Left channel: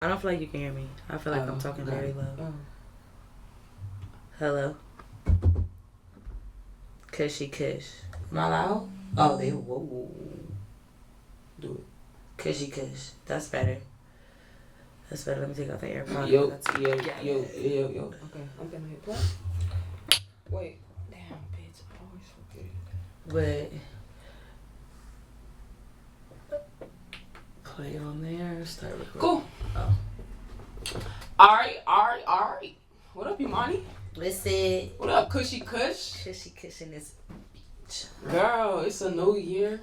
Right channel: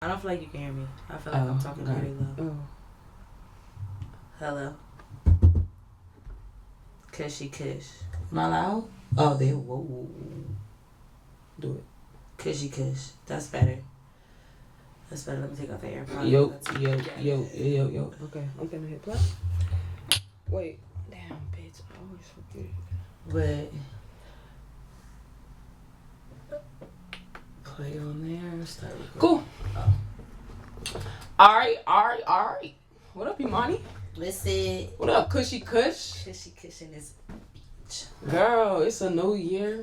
I don't feel like you can hear me. I feel like I'm talking okay. very low. Oh. Hello. Cushy cush. Am I loud? Oh, they whoa. Do it. Cushy cush. That's better. That's better. Let me take out the AirPod. Yo. Okay, I'm gonna hit play. Wait. Damn, bitch. I always forget. But play on there. Start recording. Cool. Oh. Alright. What up, Imani? Listen. What up, Cushy Cush? Cushy cush in this beach. Girl, it's a new year.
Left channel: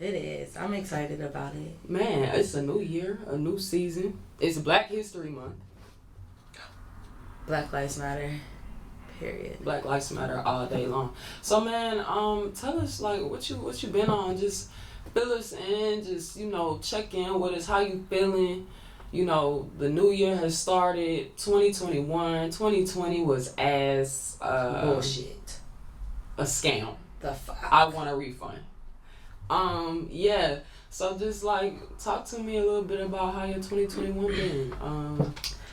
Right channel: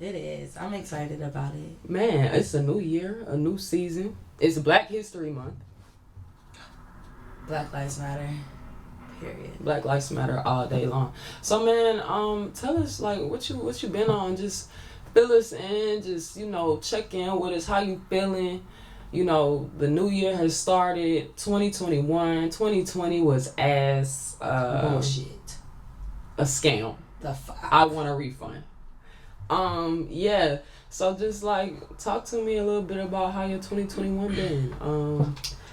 It is. I'm excited about it. Man, it's a new year, a new season. It's Black History Month. Black Lives Matter. Period. Black Lives Matter all day long. So man, tell us like what you been on. Just fill us in. Just check in with us. How you feeling? The new year has started. 2021. 2020 was as bullshit. A scam. The fuck. I want a refund. Yeah. So just like talk to me a little bit about how your 2021 been.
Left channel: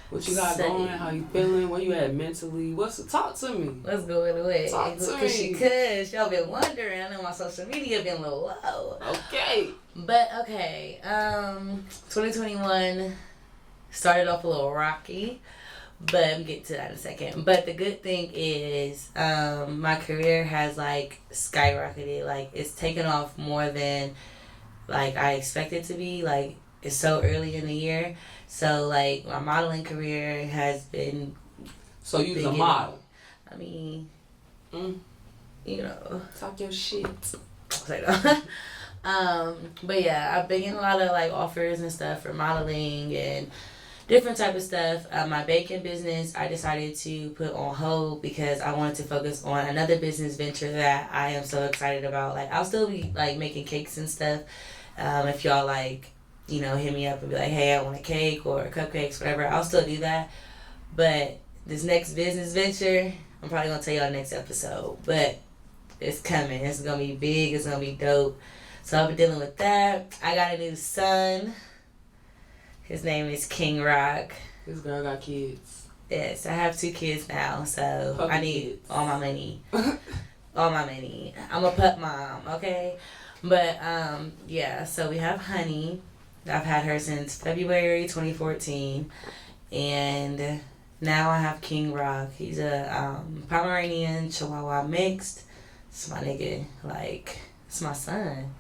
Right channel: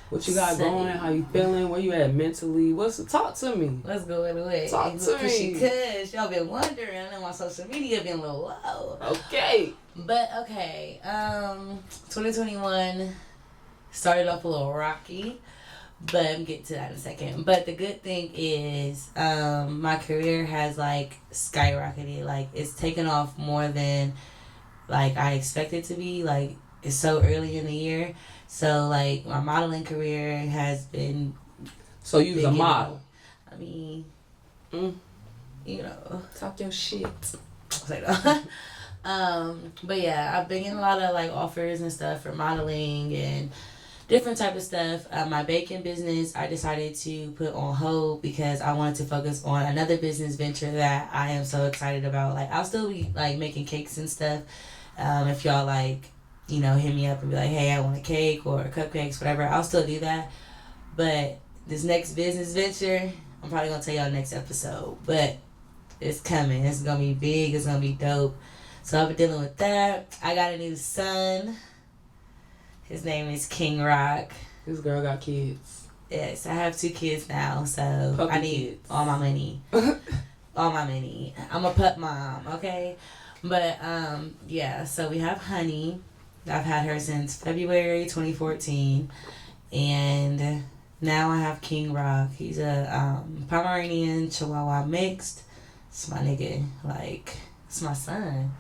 What you got going? How you feeling? Where you at mentally? Talk to me? Let's go anyway. Talk to me. Because y'all been wondering. I know my social media been a little low. Okay. But okay. 2021 started off a little rocky. But I'm getting to that in a second. But the good thing is, my career has like skyrocketed. Like it's taken off more than like I expected to be. Like it's so early in the year. So like my modeling career has been. So you's a model. I mean, talk your shit. Say that. But yeah, I've been getting a lot of like offers and stuff for modeling and different type of stuff. My baking business, I decided to put on hold because I wanted to focus on another business venture that I am so excited about. Like I'll still be like making cakes and stuff. If y'all like, hit me up and be like, hey, I want a cake or cupcakes, whatever, I'll still do that. But this next business venture, I'm probably gonna tell y'all next episode. But it's coming. It's gonna be big. It's gonna be dope. So I've been dealing with that. I got a new son. His name is King Rock. This girl got kids. Yes, I have 2 kids now, so Puppy I need kids. all my money. All my money. I'm a pup mom, okay? But, yeah, so we have Honey. I've had her since February 2014. And now I have King Rock. He's a Pomeranian Chihuahua mixed. It's my nigga. Like, it's my son.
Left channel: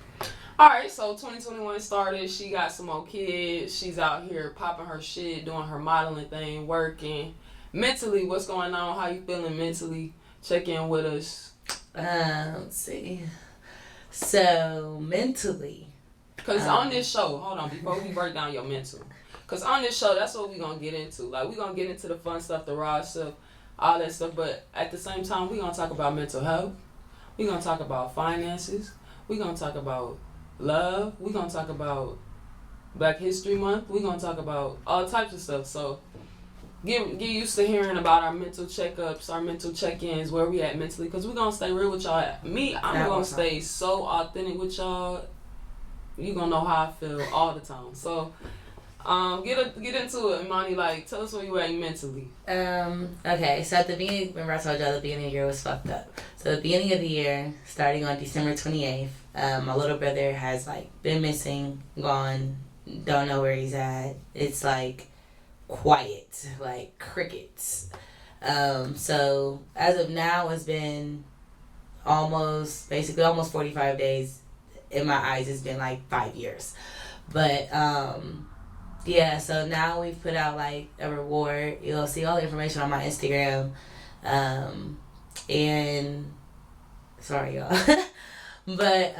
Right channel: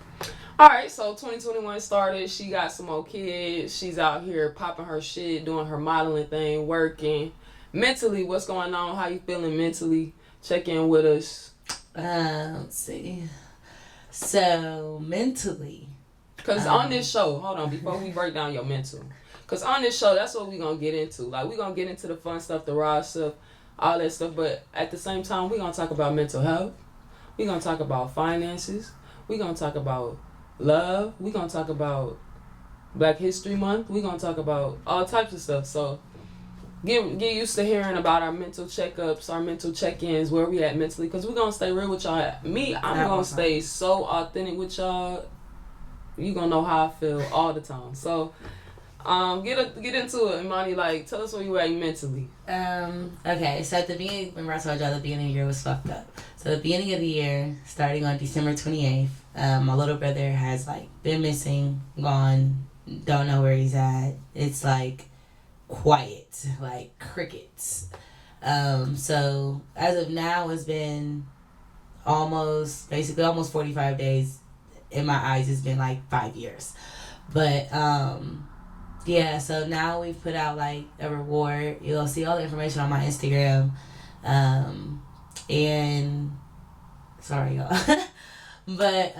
Alright, so 2021 started. She got some more kids. She's out here popping her shit, doing her modeling thing, working. Mentally, what's going on? How you feeling mentally? Check in with us. Let's see. So, mentally. Because on this show, hold on, before we break down your mental. Because on this show, that's what we're going to get into. Like, we're going to get into the fun stuff, the raw stuff, all that stuff. But at the same time, we're going to talk about mental health. We're going to talk about finances. We're going to talk about love. We're going to talk about Black History Month. We're going to talk about all types of stuff. So get used to hearing about our mental checkups, our mental check-ins, where we at mentally. Because we're going to stay real with y'all. I'm going to stay so authentic with y'all. You're going to know how I feel all the time. So get into it, Imani. Like, tell us where you at mentally. Okay, so at the beginning, remember I told y'all the beginning of the year was fucked up. So the beginning of the year, starting on December 28th, my little brother has like been missing, gone, don't know where he's at. It's like quiet, like crickets. So as of now, it's been almost 45 days. In my eyes, it's been like 5 years. But yeah, so now we've put out like a reward. You'll see all the information on my Instagram. And sorry y'all. But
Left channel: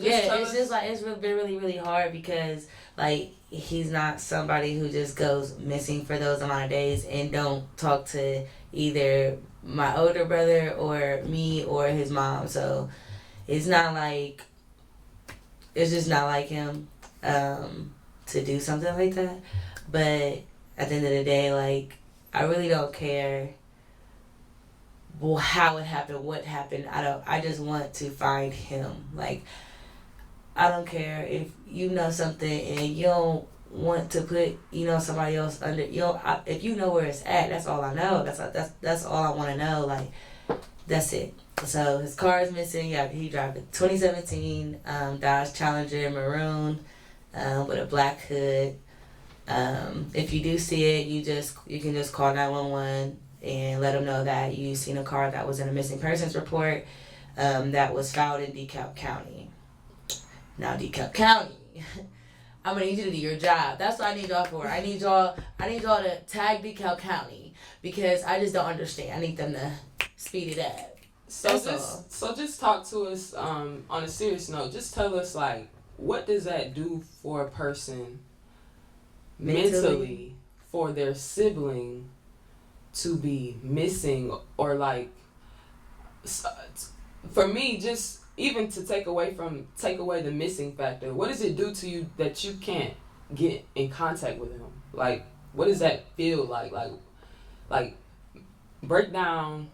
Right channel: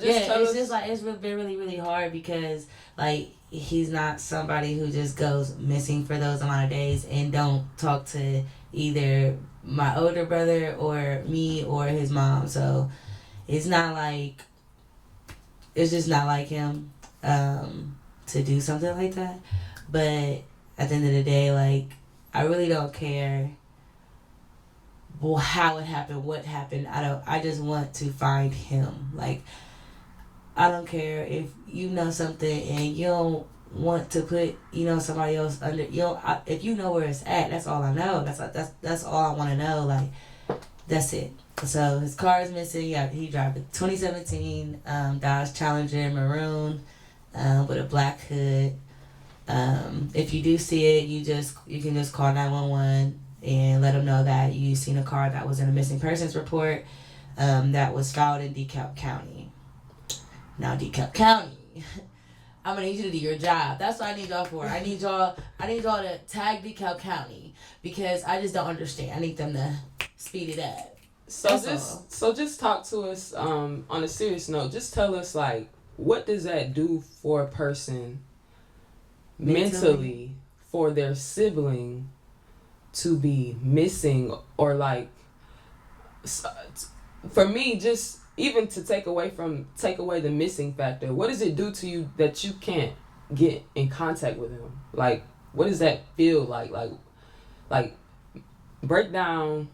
just yeah, it's just like it's been really, really hard because like he's not somebody who just goes missing for those amount of days and don't talk to either my older brother or me or his mom. So it's just not like him to do something like that. But at the end of the day, like I really don't care how it happened, what happened. I just want to find him. Like I don't care if you know something and you don't want to put somebody else under. If you know where it's at, that's all I know. That's all I want to know. Like, that's it. So his car is missing. Yeah, he drives a 2017 Dodge Challenger maroon with a black hood. If you do see it, you can just call 911 and let them know that you seen a car that was in a missing persons report that was filed in DeKalb County. Now DeKalb County, I'm gonna need you to do your job. That's what I need y'all for. I need y'all to tag DeKalb County because I just don't understand. I need them to speed it up. So just talk to us on a serious note. Just tell us, like, what does that do for a person mentally for their sibling to be missing, or like, for me, just even to take away the missing factor. What does it do to you that you can't get in contact with him? Like, what does that feel like? Like break down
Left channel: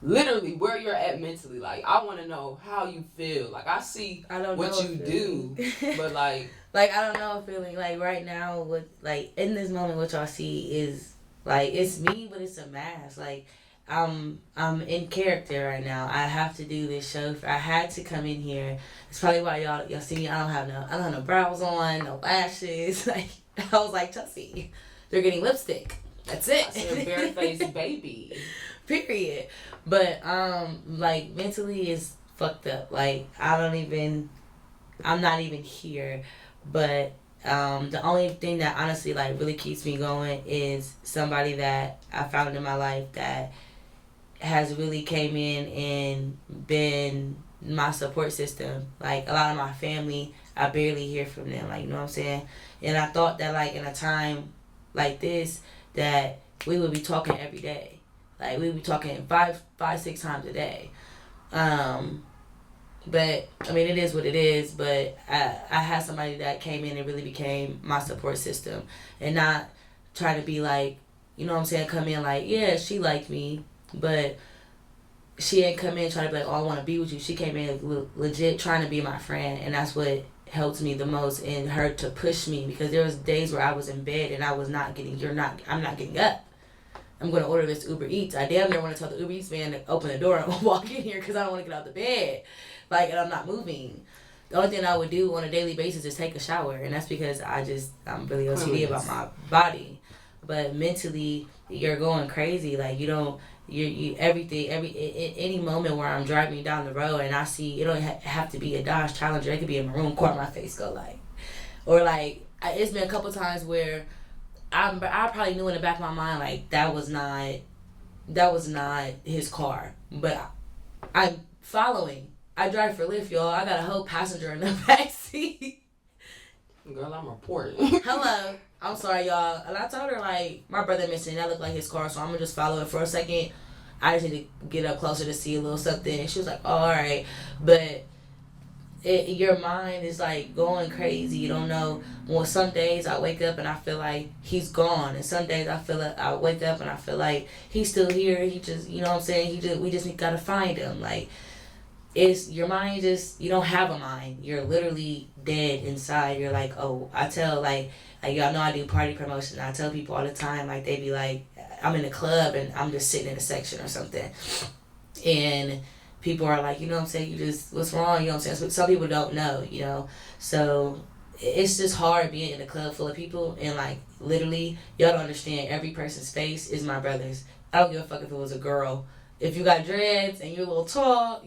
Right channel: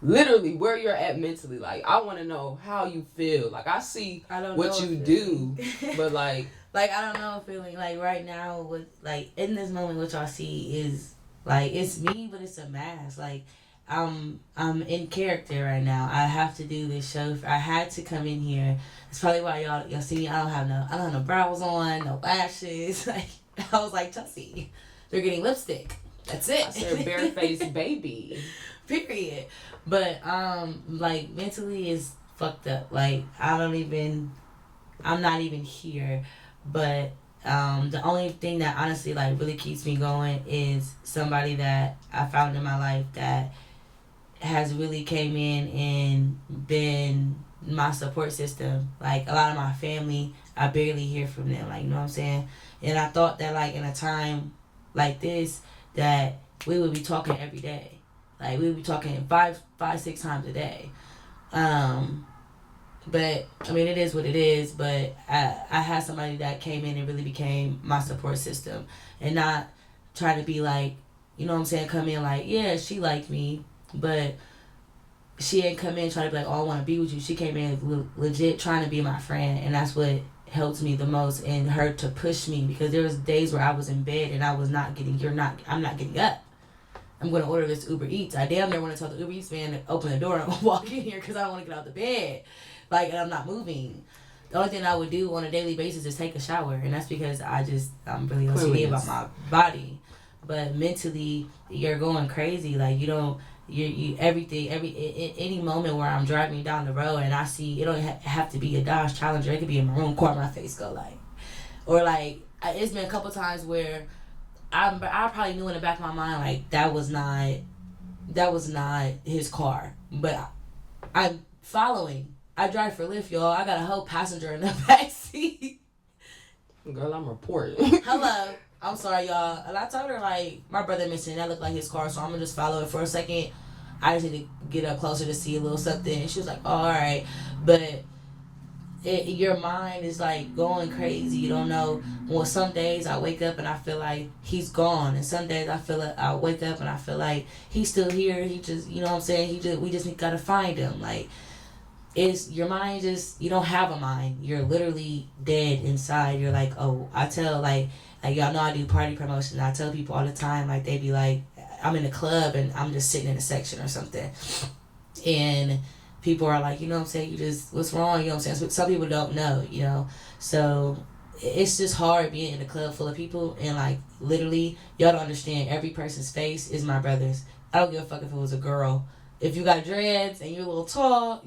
literally where you're at mentally. Like, I want to know how you feel. Like, I see what you do, but like I don't know a feeling. Like, right now, what, like, in this moment, what y'all see is, like, it's me, but it's a mask. Like, I'm in character right now. I have to do this show. I had to come in here. It's probably why y'all see me. I don't have no brows on, no lashes. Like, I was like, Chelsea, they're getting lipstick. That's it. I said barefaced baby. Period. But like, mentally is fucked up. Like, I'm not even here. But the only thing that honestly, like, really keeps me going is somebody that I found in my life that has really came in and been my support system. Like, a lot of my family, I barely hear from them. Like, you know what I'm saying? And I thought that, like, in a time like this, that we would be talking every day. Like, we would be talking 5-6 times a day. But, I mean, it is what it is. But I had somebody that came in and really became my support system. And not try to be like, you know what I'm saying, come in like, yeah, she liked me. But she didn't come in trying to be like, oh, I want to be with you. She came in legit trying to be my friend. And that's what helped me the most, and her to push me, because there was days where I was in bed and I was not getting, I'm not getting up. I'm going to order this Uber Eats. I damn near want to tell the Uber Eats man to open the door and walk in here because I don't want to get out the bed. Like, and I'm not moving. The only thing I would do on a daily basis is take a shower. And that's because I'm really OCD about my body. But mentally, you're going crazy. Like, any moment where I'm driving down the road and I see, it don't have to be a Dodge Challenger. It could be a maroon car. My face go like, or like, it's been a couple times where I probably knew in the back of my mind, like, that was not his car. But I'm following. I drive for Lyft, y'all. I got a whole passenger in the back seat. Girl, I'm reporting. Hello. I'm sorry, y'all. And I told her, like, my brother missing. That looked like his car, so I'm going to just follow it for a second. I just need to get up closer to see a little something. And she was like, oh, all right. But your mind is, like, going crazy. You don't know. Well, some days I wake up and I feel like he's gone. And some days I wake up and I feel like he's still here. He just, you know what I'm saying? We just got to find him. Like, it's your mind you don't have a mind. You're literally dead inside. You're like, oh, I tell, like y'all know I do party promotion. I tell people all the time, like, they be like, I'm in a club and I'm just sitting in a section or something. And people are like, you know what I'm saying? What's wrong? You know what I'm saying? Some people don't know, you know? So it's just hard being in a club full of people. And, like, literally, y'all don't understand. Every person's face is my brother's. I don't give a fuck if it was a girl. If you got dreads and you're a little tall,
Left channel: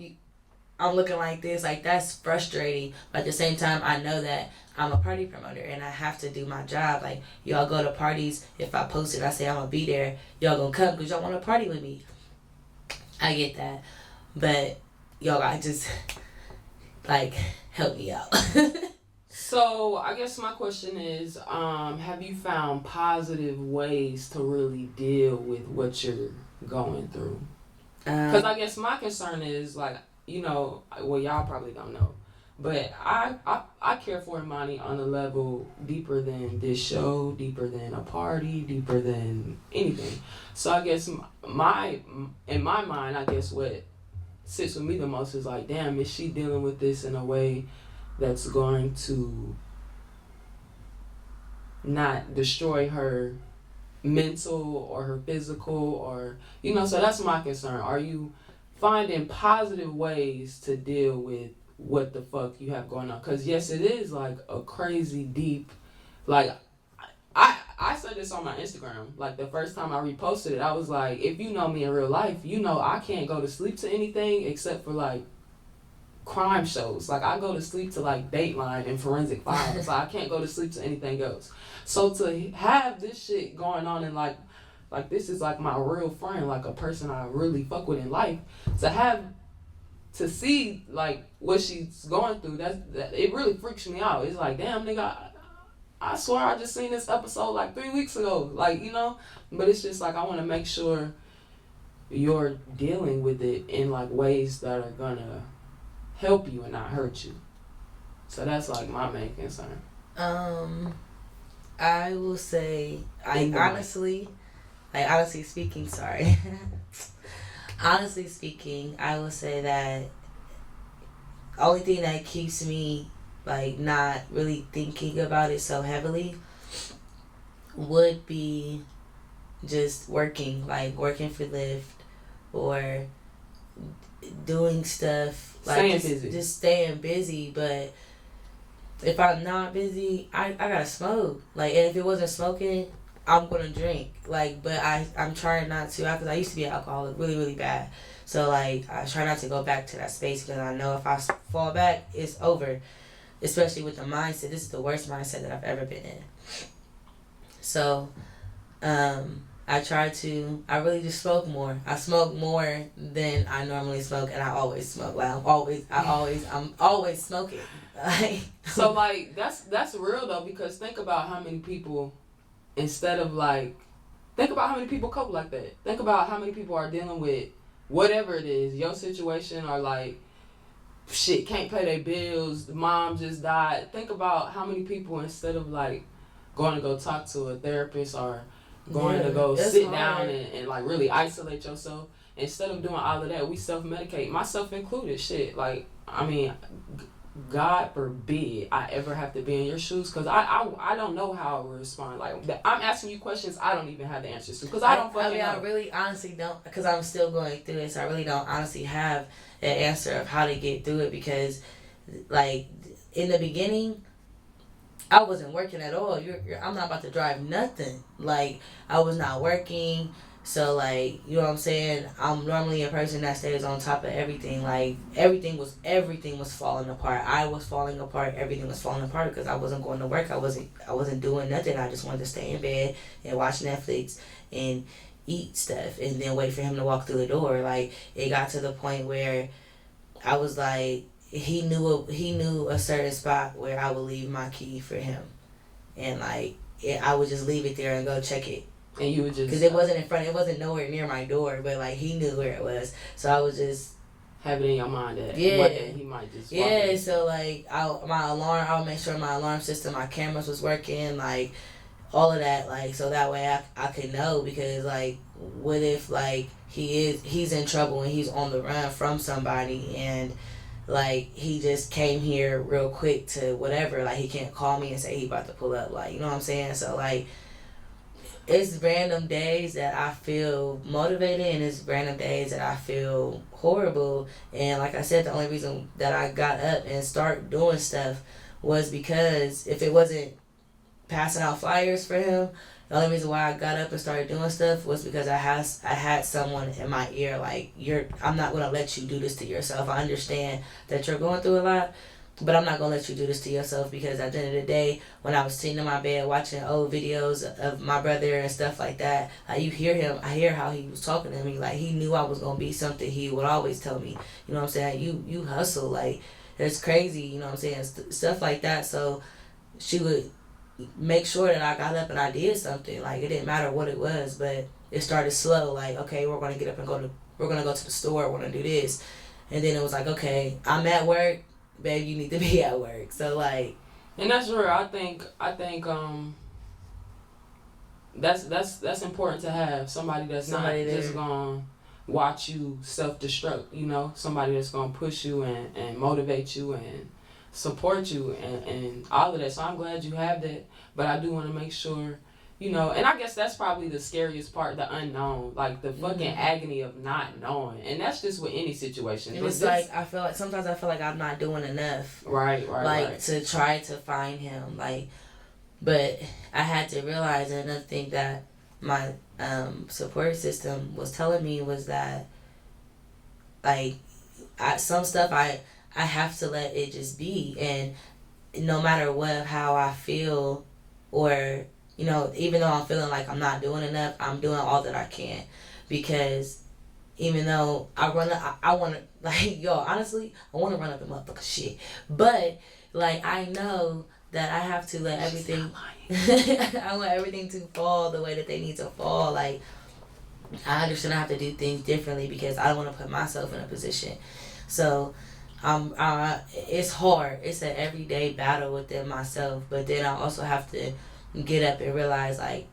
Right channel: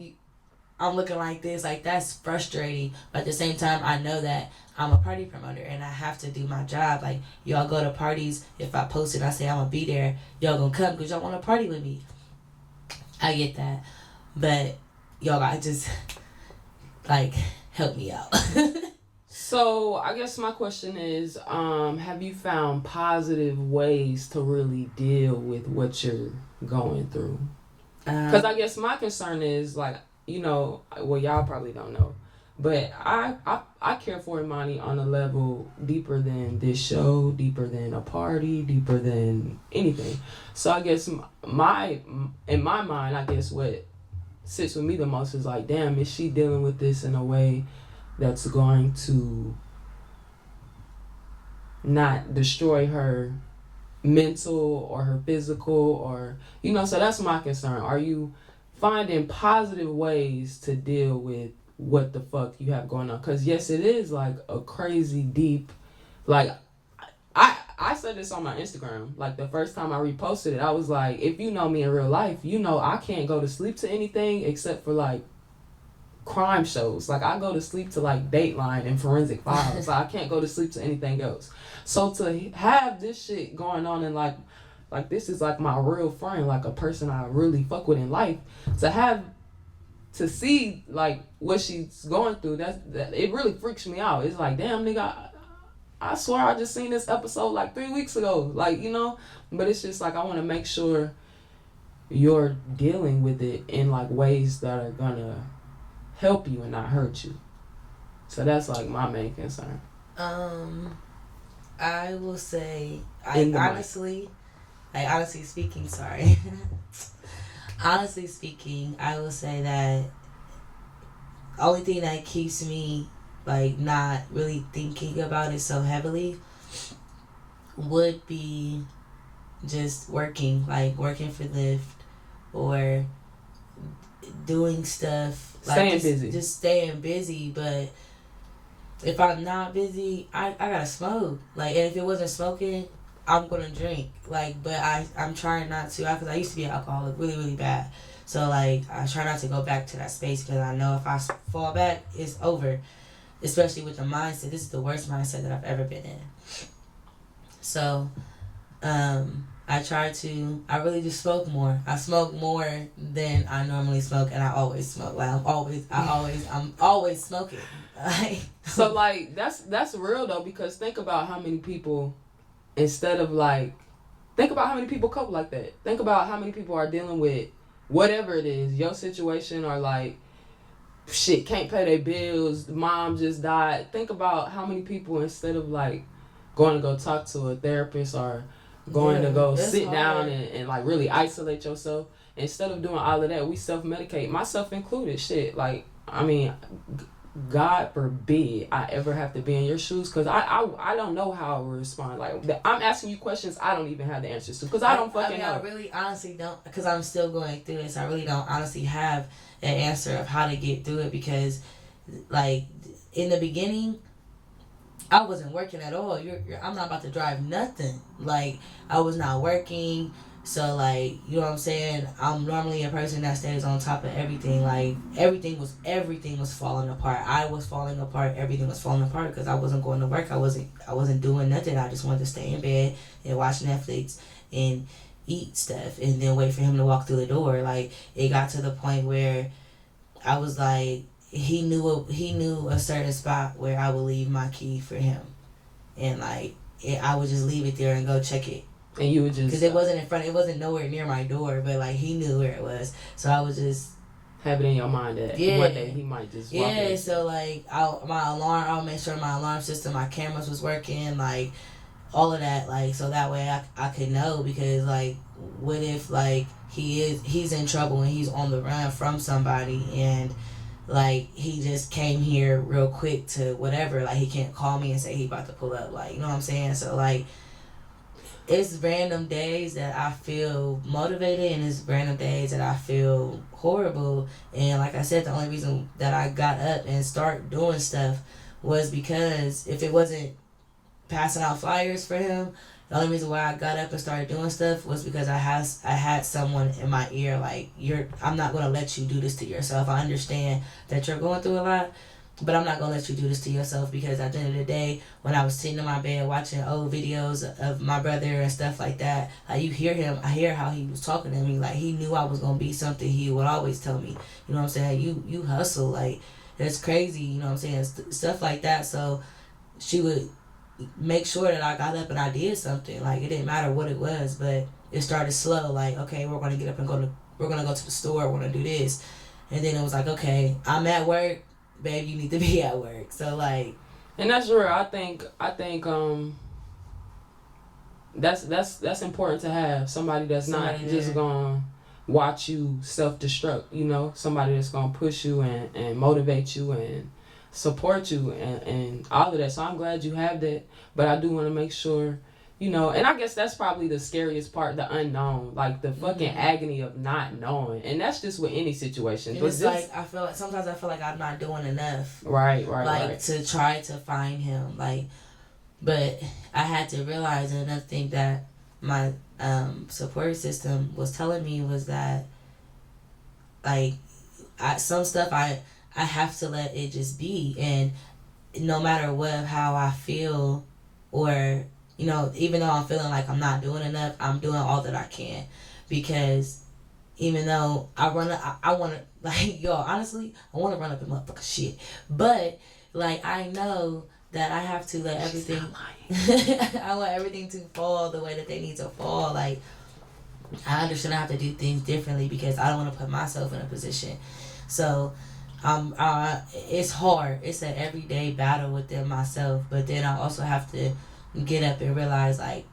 I'm looking like this. Like, that's frustrating. But at the same time, I know that I'm a party promoter and I have to do my job. Like, y'all go to parties. If I post it, I say I'm going to be there. Y'all going to come because y'all want to party with me. I get that. But y'all got to just, like, help me out. So, I guess my question is, have you found positive ways to really deal with what you're going through? Because I guess my concern is, like, you know, well, y'all probably don't know, but I care for Imani on a level deeper than this show, deeper than a party, deeper than anything. So I guess in my mind, I guess what sits with me the most is like, damn, is she dealing with this in a way that's going to not destroy her mental or her physical, or so that's my concern. Are you finding positive ways to deal with what the fuck you have going on? Because yes, it is like a crazy deep, like I said this on my Instagram. Like the first time I reposted it, I was like, if you know me in real life, I can't go to sleep to anything except for like crime shows. Like I go to sleep to like Dateline and Forensic Files. Like, I can't go to sleep to anything else. So to have this shit going on and like this is like my real friend, like a person I really fuck with in life, to see like what she's going through, that it really freaks me out. It's like, damn nigga, I swear I just seen this episode like 3 weeks ago. Like, but it's just like I want to make sure you're dealing with it in like ways that are gonna help you and not hurt you. So that's like my main concern. I will say, honestly speaking, sorry. Honestly speaking, I will say that only thing that keeps me like not really thinking about it so heavily would be just working for Lyft or doing stuff like staying busy. Just staying busy. But if I'm not busy, I gotta smoke. Like, and if it wasn't smoking, I'm gonna drink. Like, but I'm trying not to, because I used to be an alcoholic really, really bad. So like I try not to go back to that space, because I know if I fall back, it's over. Especially with the mindset. This is the worst mindset that I've ever been in. So, I really just smoke more. I smoke more than I normally smoke, and I always smoke. Like I'm always smoking. Like, so like that's real though, because think about how many people, think about how many people cope like that. Think about how many people are dealing with whatever it is, your situation, or like shit, can't pay their bills, mom just died. Think about how many people, instead of like going to go talk to a therapist or going to go sit down and like really isolate yourself, instead of doing all of that, we self-medicate, myself included. Shit, like, I mean, God forbid I ever have to be in your shoes, because I don't know how I would respond. Like, I'm asking you questions I don't even have the answers to, because I don't fucking know. I really honestly don't, because I'm still going through this. I really don't honestly have an answer of how to get through it, because like in the beginning I wasn't working at all. I'm not about to drive nothing. Like, I was not working. So like, you know what I'm saying? I'm normally a person that stays on top of everything. Like, everything was falling apart. I was falling apart. Everything was falling apart because I wasn't going to work. I wasn't doing nothing. I just wanted to stay in bed and watch Netflix and eat stuff and then wait for him to walk through the door. Like, it got to the point where I was like, he knew a certain spot where I would leave my key for him, and like I would just leave it there and go check it. And you would just, because it wasn't nowhere near my door, but like he knew where it was, so I would just have it in your mind that one day he might just walk in. So like I'll make sure my alarm system, my cameras was working, like all of that, like so that way I could know, because like what if like he's in trouble and he's on the run from somebody, and like he just came here real quick to whatever, like he can't call me and say he about to pull up, like, you know what I'm saying? So like it's random days that I feel motivated, and it's random days that I feel horrible. And like I said, the only reason that I got up and start doing stuff was because if it wasn't passing out flyers for him, the only reason why I got up and started doing stuff was because I had someone in my ear, like, I'm not gonna let you do this to yourself. I understand that you're going through a lot, but I'm not gonna let you do this to yourself, because at the end of the day, when I was sitting in my bed watching old videos of my brother and stuff like that, like, I hear how he was talking to me, like he knew I was gonna be something. He would always tell me, you know what I'm saying, you hustle, like it's crazy, you know what I'm saying, stuff like that. So she would make sure that I got up and I did something. Like, it didn't matter what it was, but it started slow. Like, okay, we're gonna get up and we're gonna go to the store, we're gonna do this, and then it was like, okay, I'm at work, babe, you need to be at work. So like, and that's real. I think that's important to have somebody that's somebody not just gonna watch you self-destruct, you know, somebody that's gonna push you and motivate you and support you and all of that. So I'm glad you have that. But I do want to make sure, you know, and I guess that's probably the scariest part, the unknown, like the fucking agony of not knowing. And that's just with any situation. And it's like, sometimes I feel like I'm not doing enough. Right. To try to find him. Like, but I had to realize, and another thing that my support system was telling me was that, like, some stuff I have to let it just be. And no matter how I feel, or, you know, even though I'm feeling like I'm not doing enough, I'm doing all that I can. Because even though I want to, like, yo, honestly, I want to run up the motherfucker shit. But, like, I know that I have to let everything, I want everything to fall the way that they need to fall. Like, I understand I have to do things differently because I don't want to put myself in a position. So, it's hard. It's an everyday battle within myself. But then I also have to get up and realize, like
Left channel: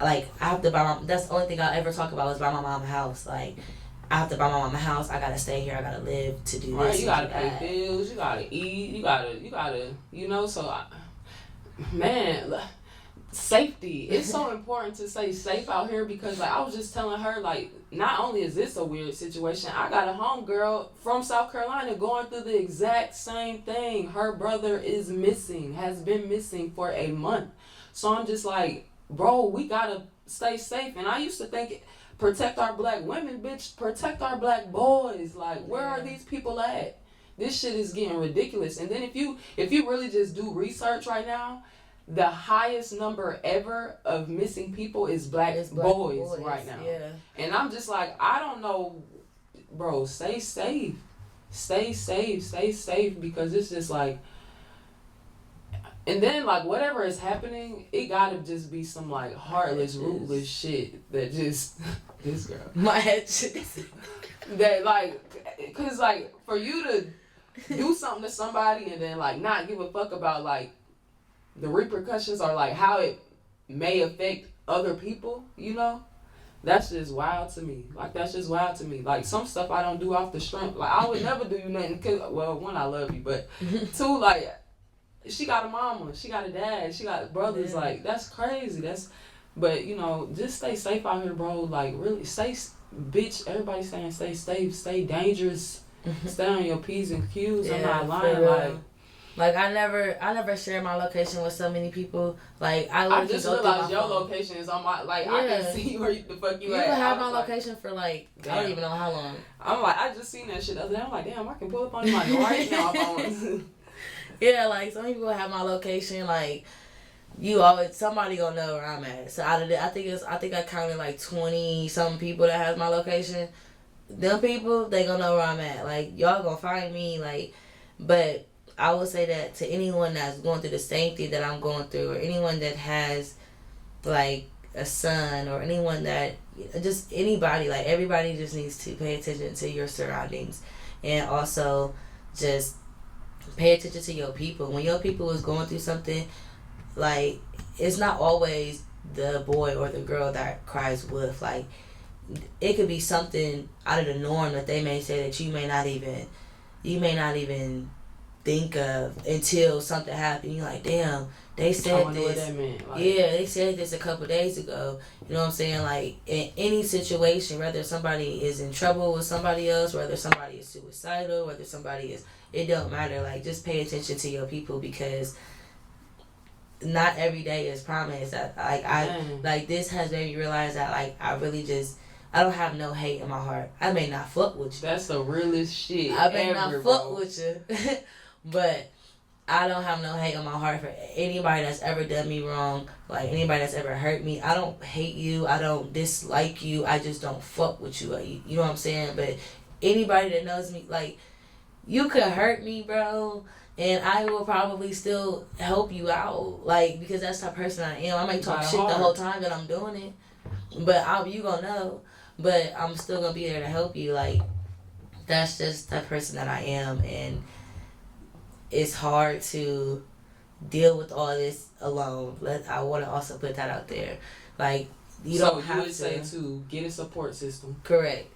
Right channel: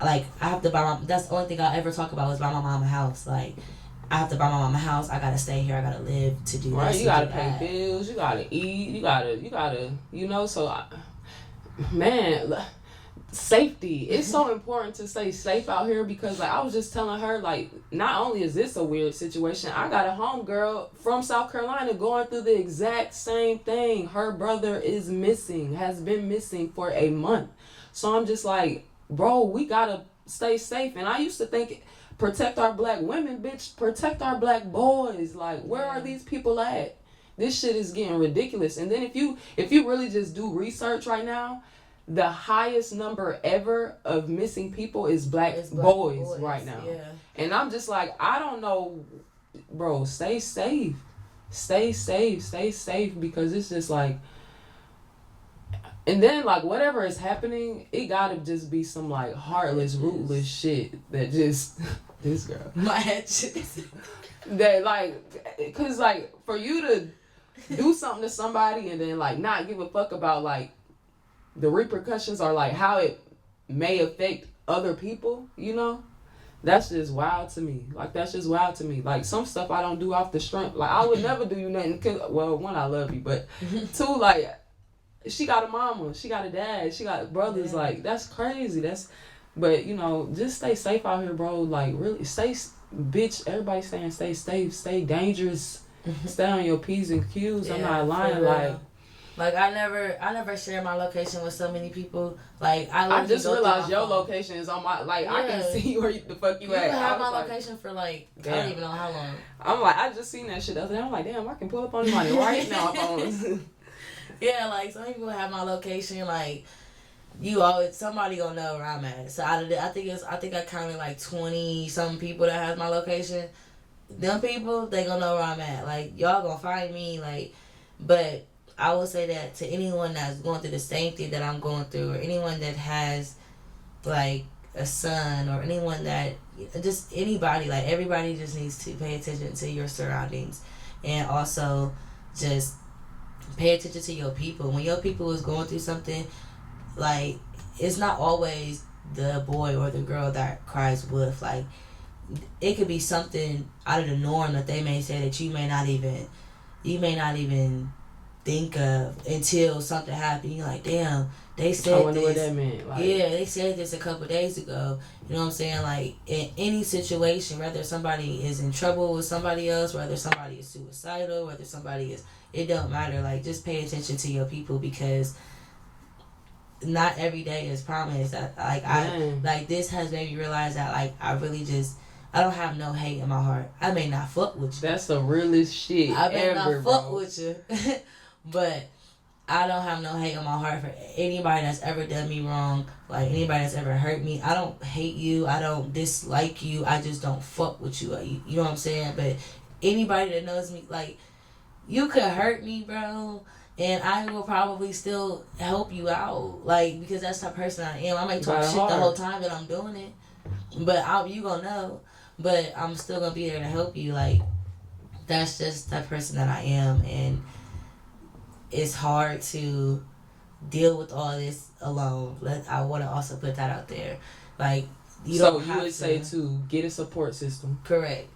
I have to buy that's the only thing I'll ever talk about is buy my mom a house. Like, I have to buy my mom a house. I gotta stay here. I gotta live to do right, this. You gotta pay bills. You gotta eat. You gotta, you know. So, man, safety. It's so important to stay safe out here because, like, I was just telling her, like, not only is this a weird situation, I got a homegirl from South Carolina going through the exact same thing. Her brother is missing, has been missing for a month. So I'm just like, bro, we gotta stay safe. And I used to think, protect our black women, bitch, protect our black boys. Like, where are these people at? This shit is getting ridiculous. And then if you really just do research right now, the highest number ever of missing people is black boys right now. Yeah. And I'm just like, I don't know, bro, stay safe. Stay safe because it's just like, and then, like, whatever is happening, it gotta just be some, like, heartless, rootless shit that just, this girl. My head shit. That, like, cause, like, for you to do something to somebody and then, like, not give a fuck about, like, the repercussions or, like, how it may affect other people, you know? That's just wild to me. Like, that's just wild to me. Like, some stuff I don't do off the strength. Like, I would never do you nothing. Cause, well, one, I love you, but two, like, she got a mama, she got a dad, she got brothers. Yeah. Like, that's crazy. But, you know, just stay safe out here, bro. Like, really, bitch, everybody saying stay safe, stay dangerous, stay on your P's and Q's. Yeah, I'm not lying. Like, I never share my location with so many people. Like, I just realized your location is on my, like, I can see where the fuck you at. You can have my location for, like, damn. I don't even know how long. I'm like, I just seen that shit the other day. I'm like, damn, I can pull up on anybody right now. Yeah, like, some people have my location, like, somebody gonna know where I'm at. So out of I think I counted like 20 something people that has my location. Them people, they gonna know where I'm at. Like, y'all gonna find me, like, but I will say that to anyone that's going through the same thing that I'm going through, or anyone that has, like, a son, or anyone that, just anybody, like, everybody just needs to pay attention to your surroundings, and also just pay attention to your people. When your people is going through something, like, it's not always the boy or the girl that cries wolf. Like, it could be something out of the norm that they may say that you may not even think of until something happened. You're like, damn, they said this. What that meant. Like, yeah, they said this a couple days ago. You know what I'm saying? Like, in any situation, whether somebody is in trouble with somebody else, whether somebody is suicidal, whether somebody is, it don't matter. Like, just pay attention to your people, because not every day is promised. Like, this has made me realize that, like, I don't have no hate in my heart. I may not fuck with you. That's the realest shit I may ever, not fuck with you. But I don't have no hate in my heart for anybody that's ever done me wrong. Like, anybody that's ever hurt me. I don't hate you. I don't dislike you. I just don't fuck with you. You know what I'm saying? But anybody that knows me, like, you could hurt me, bro, and I will probably still help you out. Like, because that's the person I am. I might talk shit the whole time that I'm doing it, but you gonna know. But I'm still gonna be there to help you. Like, that's just the person that I am, and it's hard to deal with all this alone. I want to also put that out there. Like, you don't have to. So you would say to get a support system. Correct.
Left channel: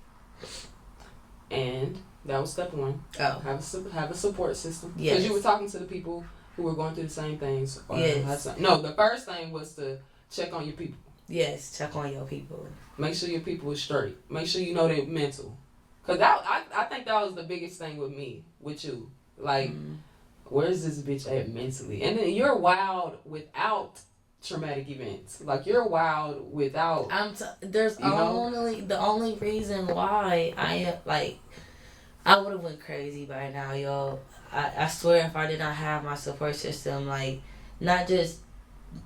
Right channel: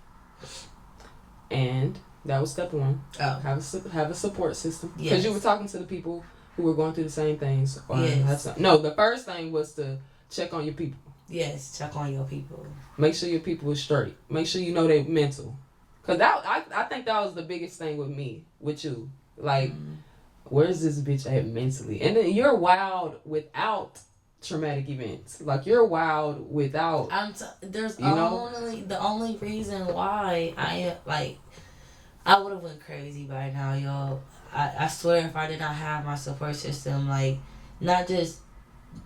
And That was step one. Oh. Have a support system. Yes. Because you were talking to the people who were going through the same things. Yes. No, the first thing was to check on your people. Yes, check on your people. Make sure your people are straight. Make sure you know they're mental. Because I think that was the biggest thing with you. Like, where's this bitch at mentally? And then you're wild without traumatic events. Like, you're wild without... the only reason why I would have went crazy by now, yo. I swear if I did not have my support system, like, not just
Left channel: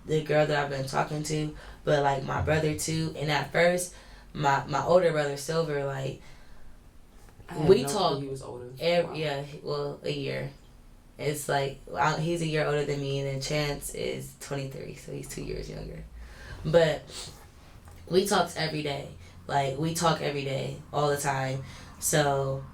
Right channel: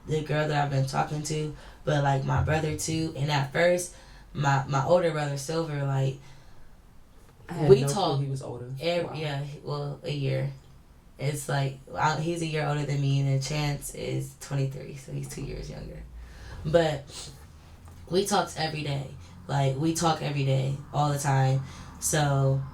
the girl that I've been talking to, but, like, my brother, too. And at first, my older brother, Silver, like, we talked. He was older. Yeah, well, a year. It's like, he's a year older than me, and then Chance is 23, so he's 2 years younger. But we talked every day. Like, we talk every day, all the time. So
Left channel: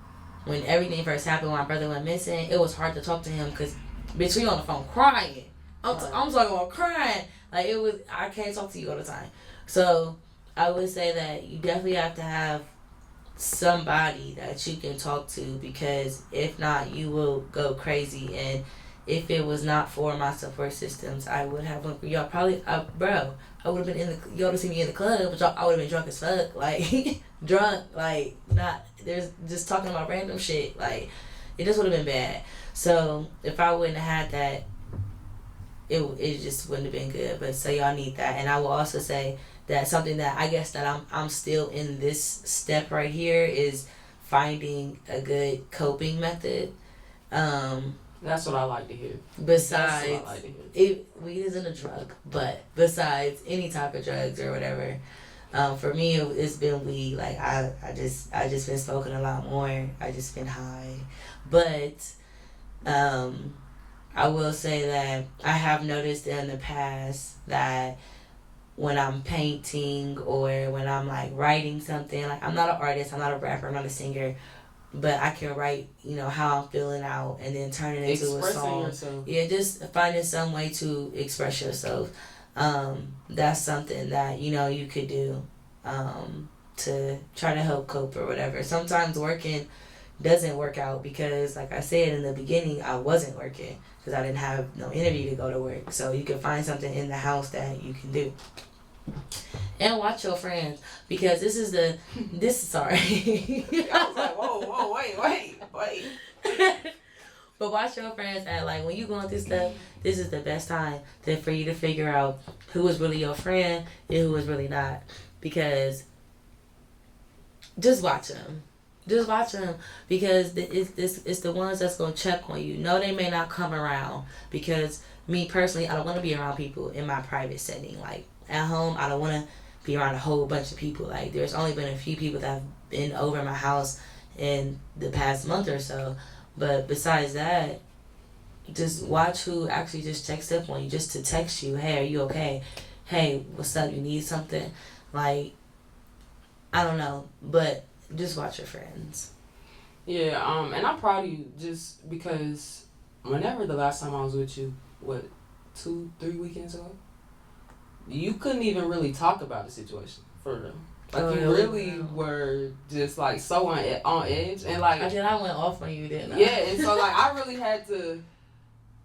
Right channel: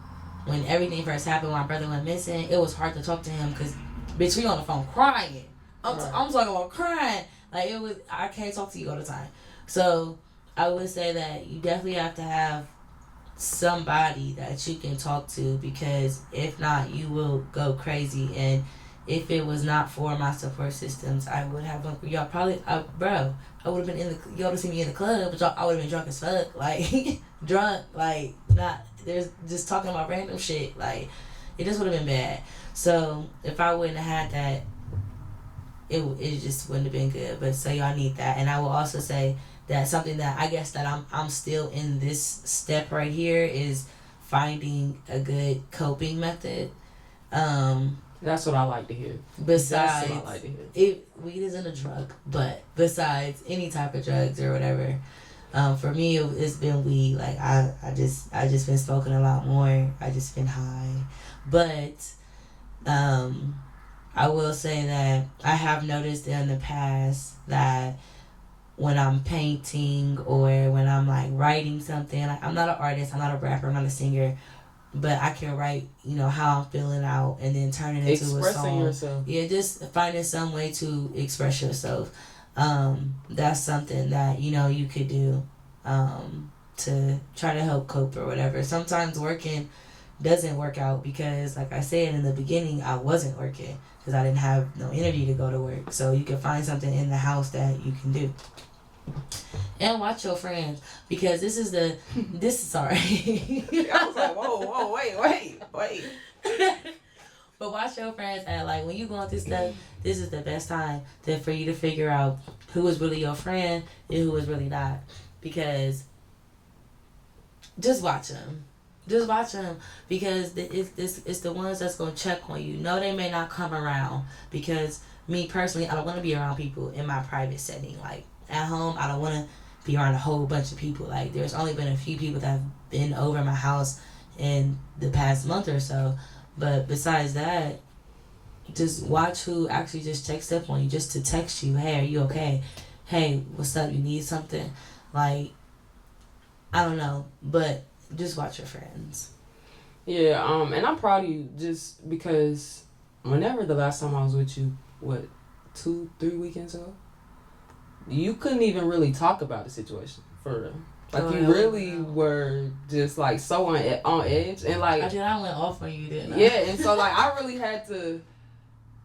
when everything first happened, when my brother went missing, it was hard to talk to him because, bitch, we on the phone crying. I'm talking about crying. Like, I can't talk to you all the time. So I would say that you definitely have to have somebody that you can talk to, because if not, you will go crazy. And if it was not for my support systems, I would have I would have been y'all would have seen me in the club, but I would have been drunk as fuck, like drunk, like not there's just talking about random shit, like it just would have been bad. So if I wouldn't have had that, it just wouldn't have been good. But so y'all need that. And I will also say that something that I guess that I'm still in this step right here is finding a good coping method. That's what I like to hear. Besides, weed isn't a drug, but besides any type of drugs or whatever, for me it's been weed. Like I just been smoking a lot more. I just been high, but I will say that I have noticed in the past that when I'm painting or when I'm like writing something, like I'm not an artist, I'm not a rapper, I'm not a singer, but I can write, how I'm feeling out and then turn it into a song. Expressing yourself. Yeah, just finding some way to express yourself. That's something that, you could do to try to help cope or whatever. Sometimes working doesn't work out because, like I said in the beginning, I wasn't working because I didn't have no energy to go to work. So you can find something in the house that you can do. And watch your friends, because sorry. I was like, whoa, wait. But watch your friends, and like when you going through stuff, this is the best time for you to figure out who is really your friend and who is really not. Because just watch them. Because it's the ones that's going to check on you. No, they may not come around, because me personally, I don't want to be around people in my private setting. Like at home, I don't want to be around a whole bunch of people. Like there's only been a few people that have been over my house in the past month or so. But besides that, just watch who actually just checks up on you, just to text you, hey, are you okay? Hey, what's up? You need something? Like, I don't know, but just watch your friends. Yeah, and I'm proud of you just because whenever the last time I was with you, 2-3 weekends ago, you couldn't even really talk about the situation for real. Like you really were just like so on edge, and like I went off on you, didn't I? Yeah, and so like I really had to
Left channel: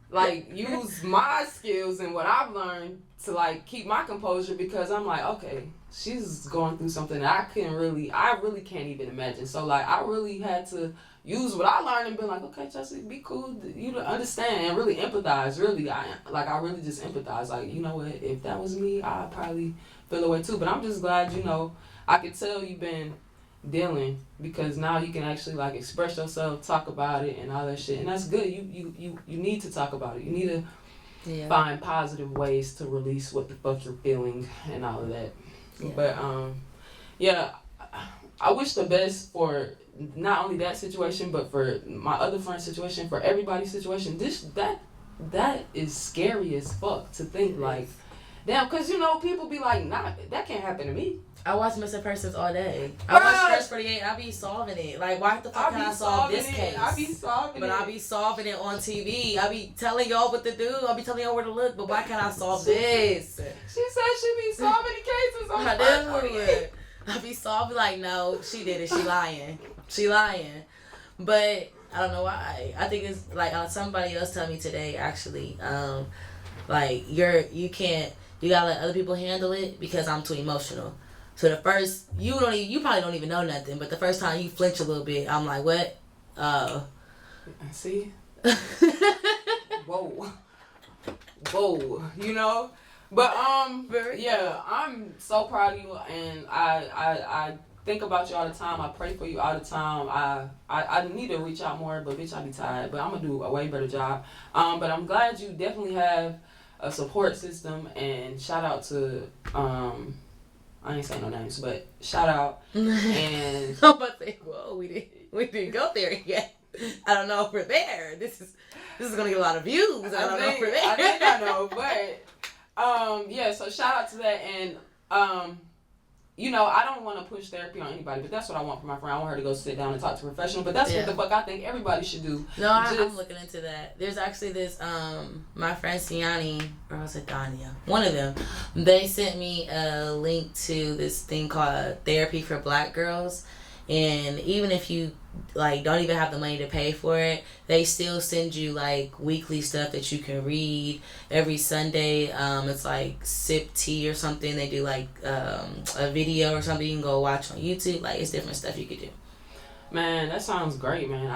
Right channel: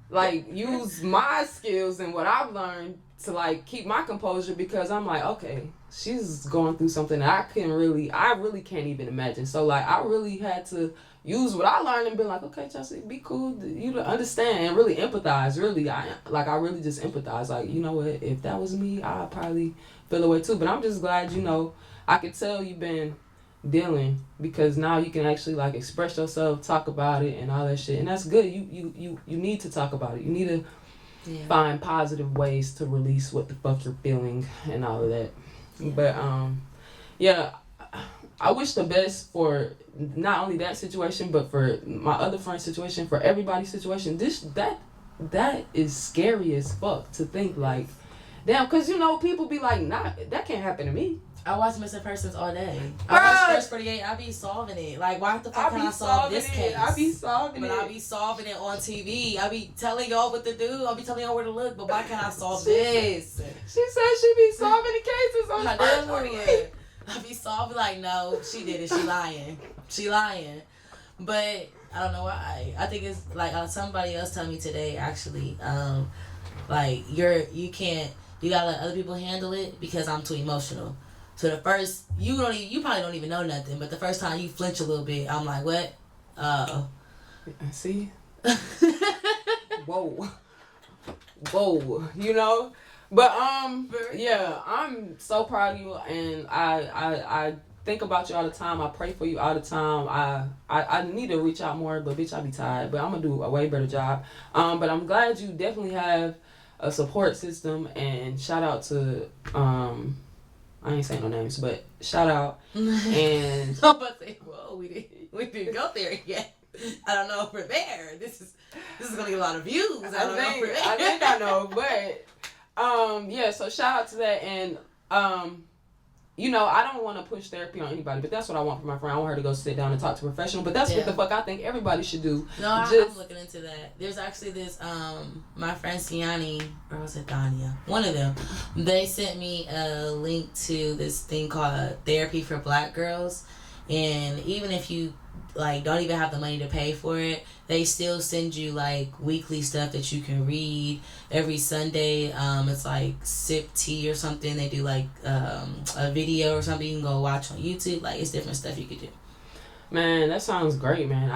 like use my skills and what I've learned to like keep my composure, because I'm like, okay, she's going through something that I really can't even imagine. So like I really had to use what I learned and be like, okay, Chelsea, be cool, you to understand and really empathize. Really, I really just empathize. Like, you know what, if that was me, I'd probably feel away too. But I'm just glad, I could tell you've been dealing, because now you can actually like express yourself, talk about it and all that shit. And that's good. You need to talk about it. You need to find positive ways to release what the fuck you're feeling and all of that. Yeah. But I wish the best for not only that situation, but for my other friend's situation, for everybody's situation. That is scary as fuck to think like, damn, because people be like, nah, that can't happen to me. I watch missing persons all day. I watch Fresh 48. I be solving it. Like, why the fuck can I solve this case? I be solving it. But I be solving it on TV. I be telling y'all what to do. I be telling y'all where to look. But why can't I solve this? She said she be solving the cases on Fresh 48. I be solving like, no, she did it. She lying. But I don't know why. I think it's like somebody else told me today actually. Like you can't, you gotta let other people handle it because I'm too emotional. So the first you probably don't even know nothing, but the first time you flinch a little bit, I'm like, what? See? Whoa. Whoa. You know? But yeah, I'm so proud of you, and I think about you all the time. I pray for you all the time. I need to reach out more, but bitch, I be tired. But I'm gonna do a way better job. But I'm glad you definitely have a support system, and shout out to I ain't saying no names, but shout out. And I'm about to say, whoa, we didn't go there yet. I don't know if we're there. This is gonna get a lot of views. I don't know if we're there. I think I know, but yeah. So shout out to that, and you know, I don't want to push therapy on anybody, but that's what I want for my friend. I want her to go sit down and talk to a professional. But that's what the fuck I think everybody should do. No, I'm looking into that. There's actually this my friend Siani, or was it Dania? One of them. They sent me a link to this thing called Therapy for Black Girls. And even if you like don't even have the money to pay for it, they still send you like weekly stuff that you can read every Sunday. It's like sip tea or something. They do like a video or something you can go watch on YouTube. Like it's different stuff you could do. Man, that sounds great, man.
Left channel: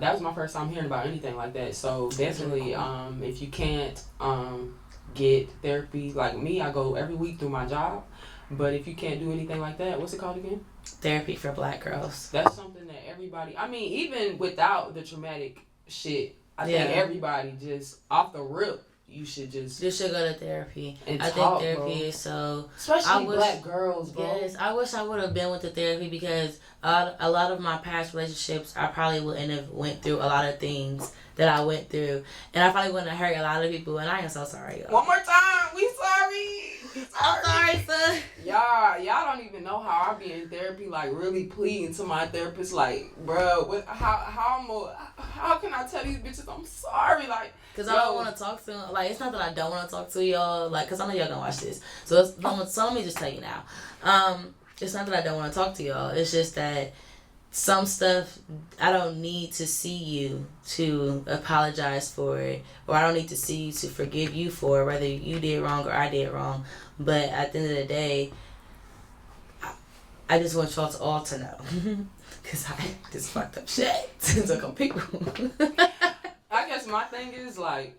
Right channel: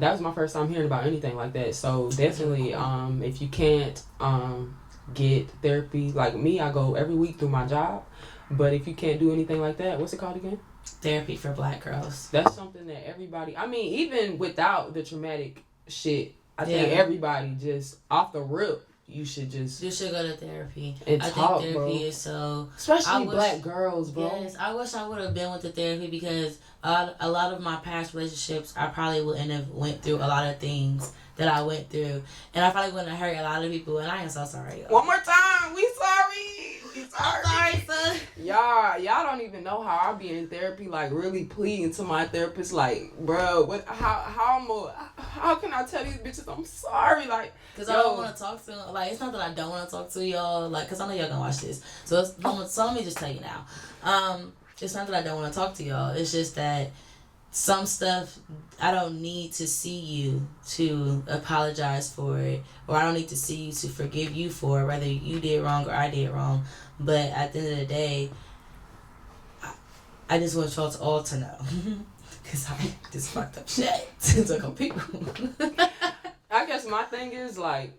That was my first time hearing about anything like that. So definitely, if you can't get therapy like me, I go every week through my job. But if you can't do anything like that, what's it called again? Therapy for Black Girls. That's something that everybody, I mean, even without the traumatic shit, I think everybody just off the rip, you should go to therapy. And I talk, think therapy bro. is so, especially Black girls, bro. Yes, I wish I would have been with the therapy because a lot of my past relationships, I probably wouldn't have went through a lot of things that I went through, and I probably wouldn't have hurt a lot of people. And I am so sorry. Y'all. One more time, we sorry. I'm sorry, son. Y'all don't even know how I be in therapy, like really pleading to my therapist, like, bro, how can I tell these bitches I'm sorry, like, cause I don't want to talk to them. Like, it's not that I don't want to talk to y'all, like, cause I know y'all gonna watch this. So let me just tell you now. It's not that I don't want to talk to y'all. It's just that some stuff I don't need to see you to apologize for it, or I don't need to see you to forgive you for it, whether you did wrong or I did wrong. But at the end of the day, I just want y'all to all to know, cause I just fucked up shit to a couple people. I guess my thing is like,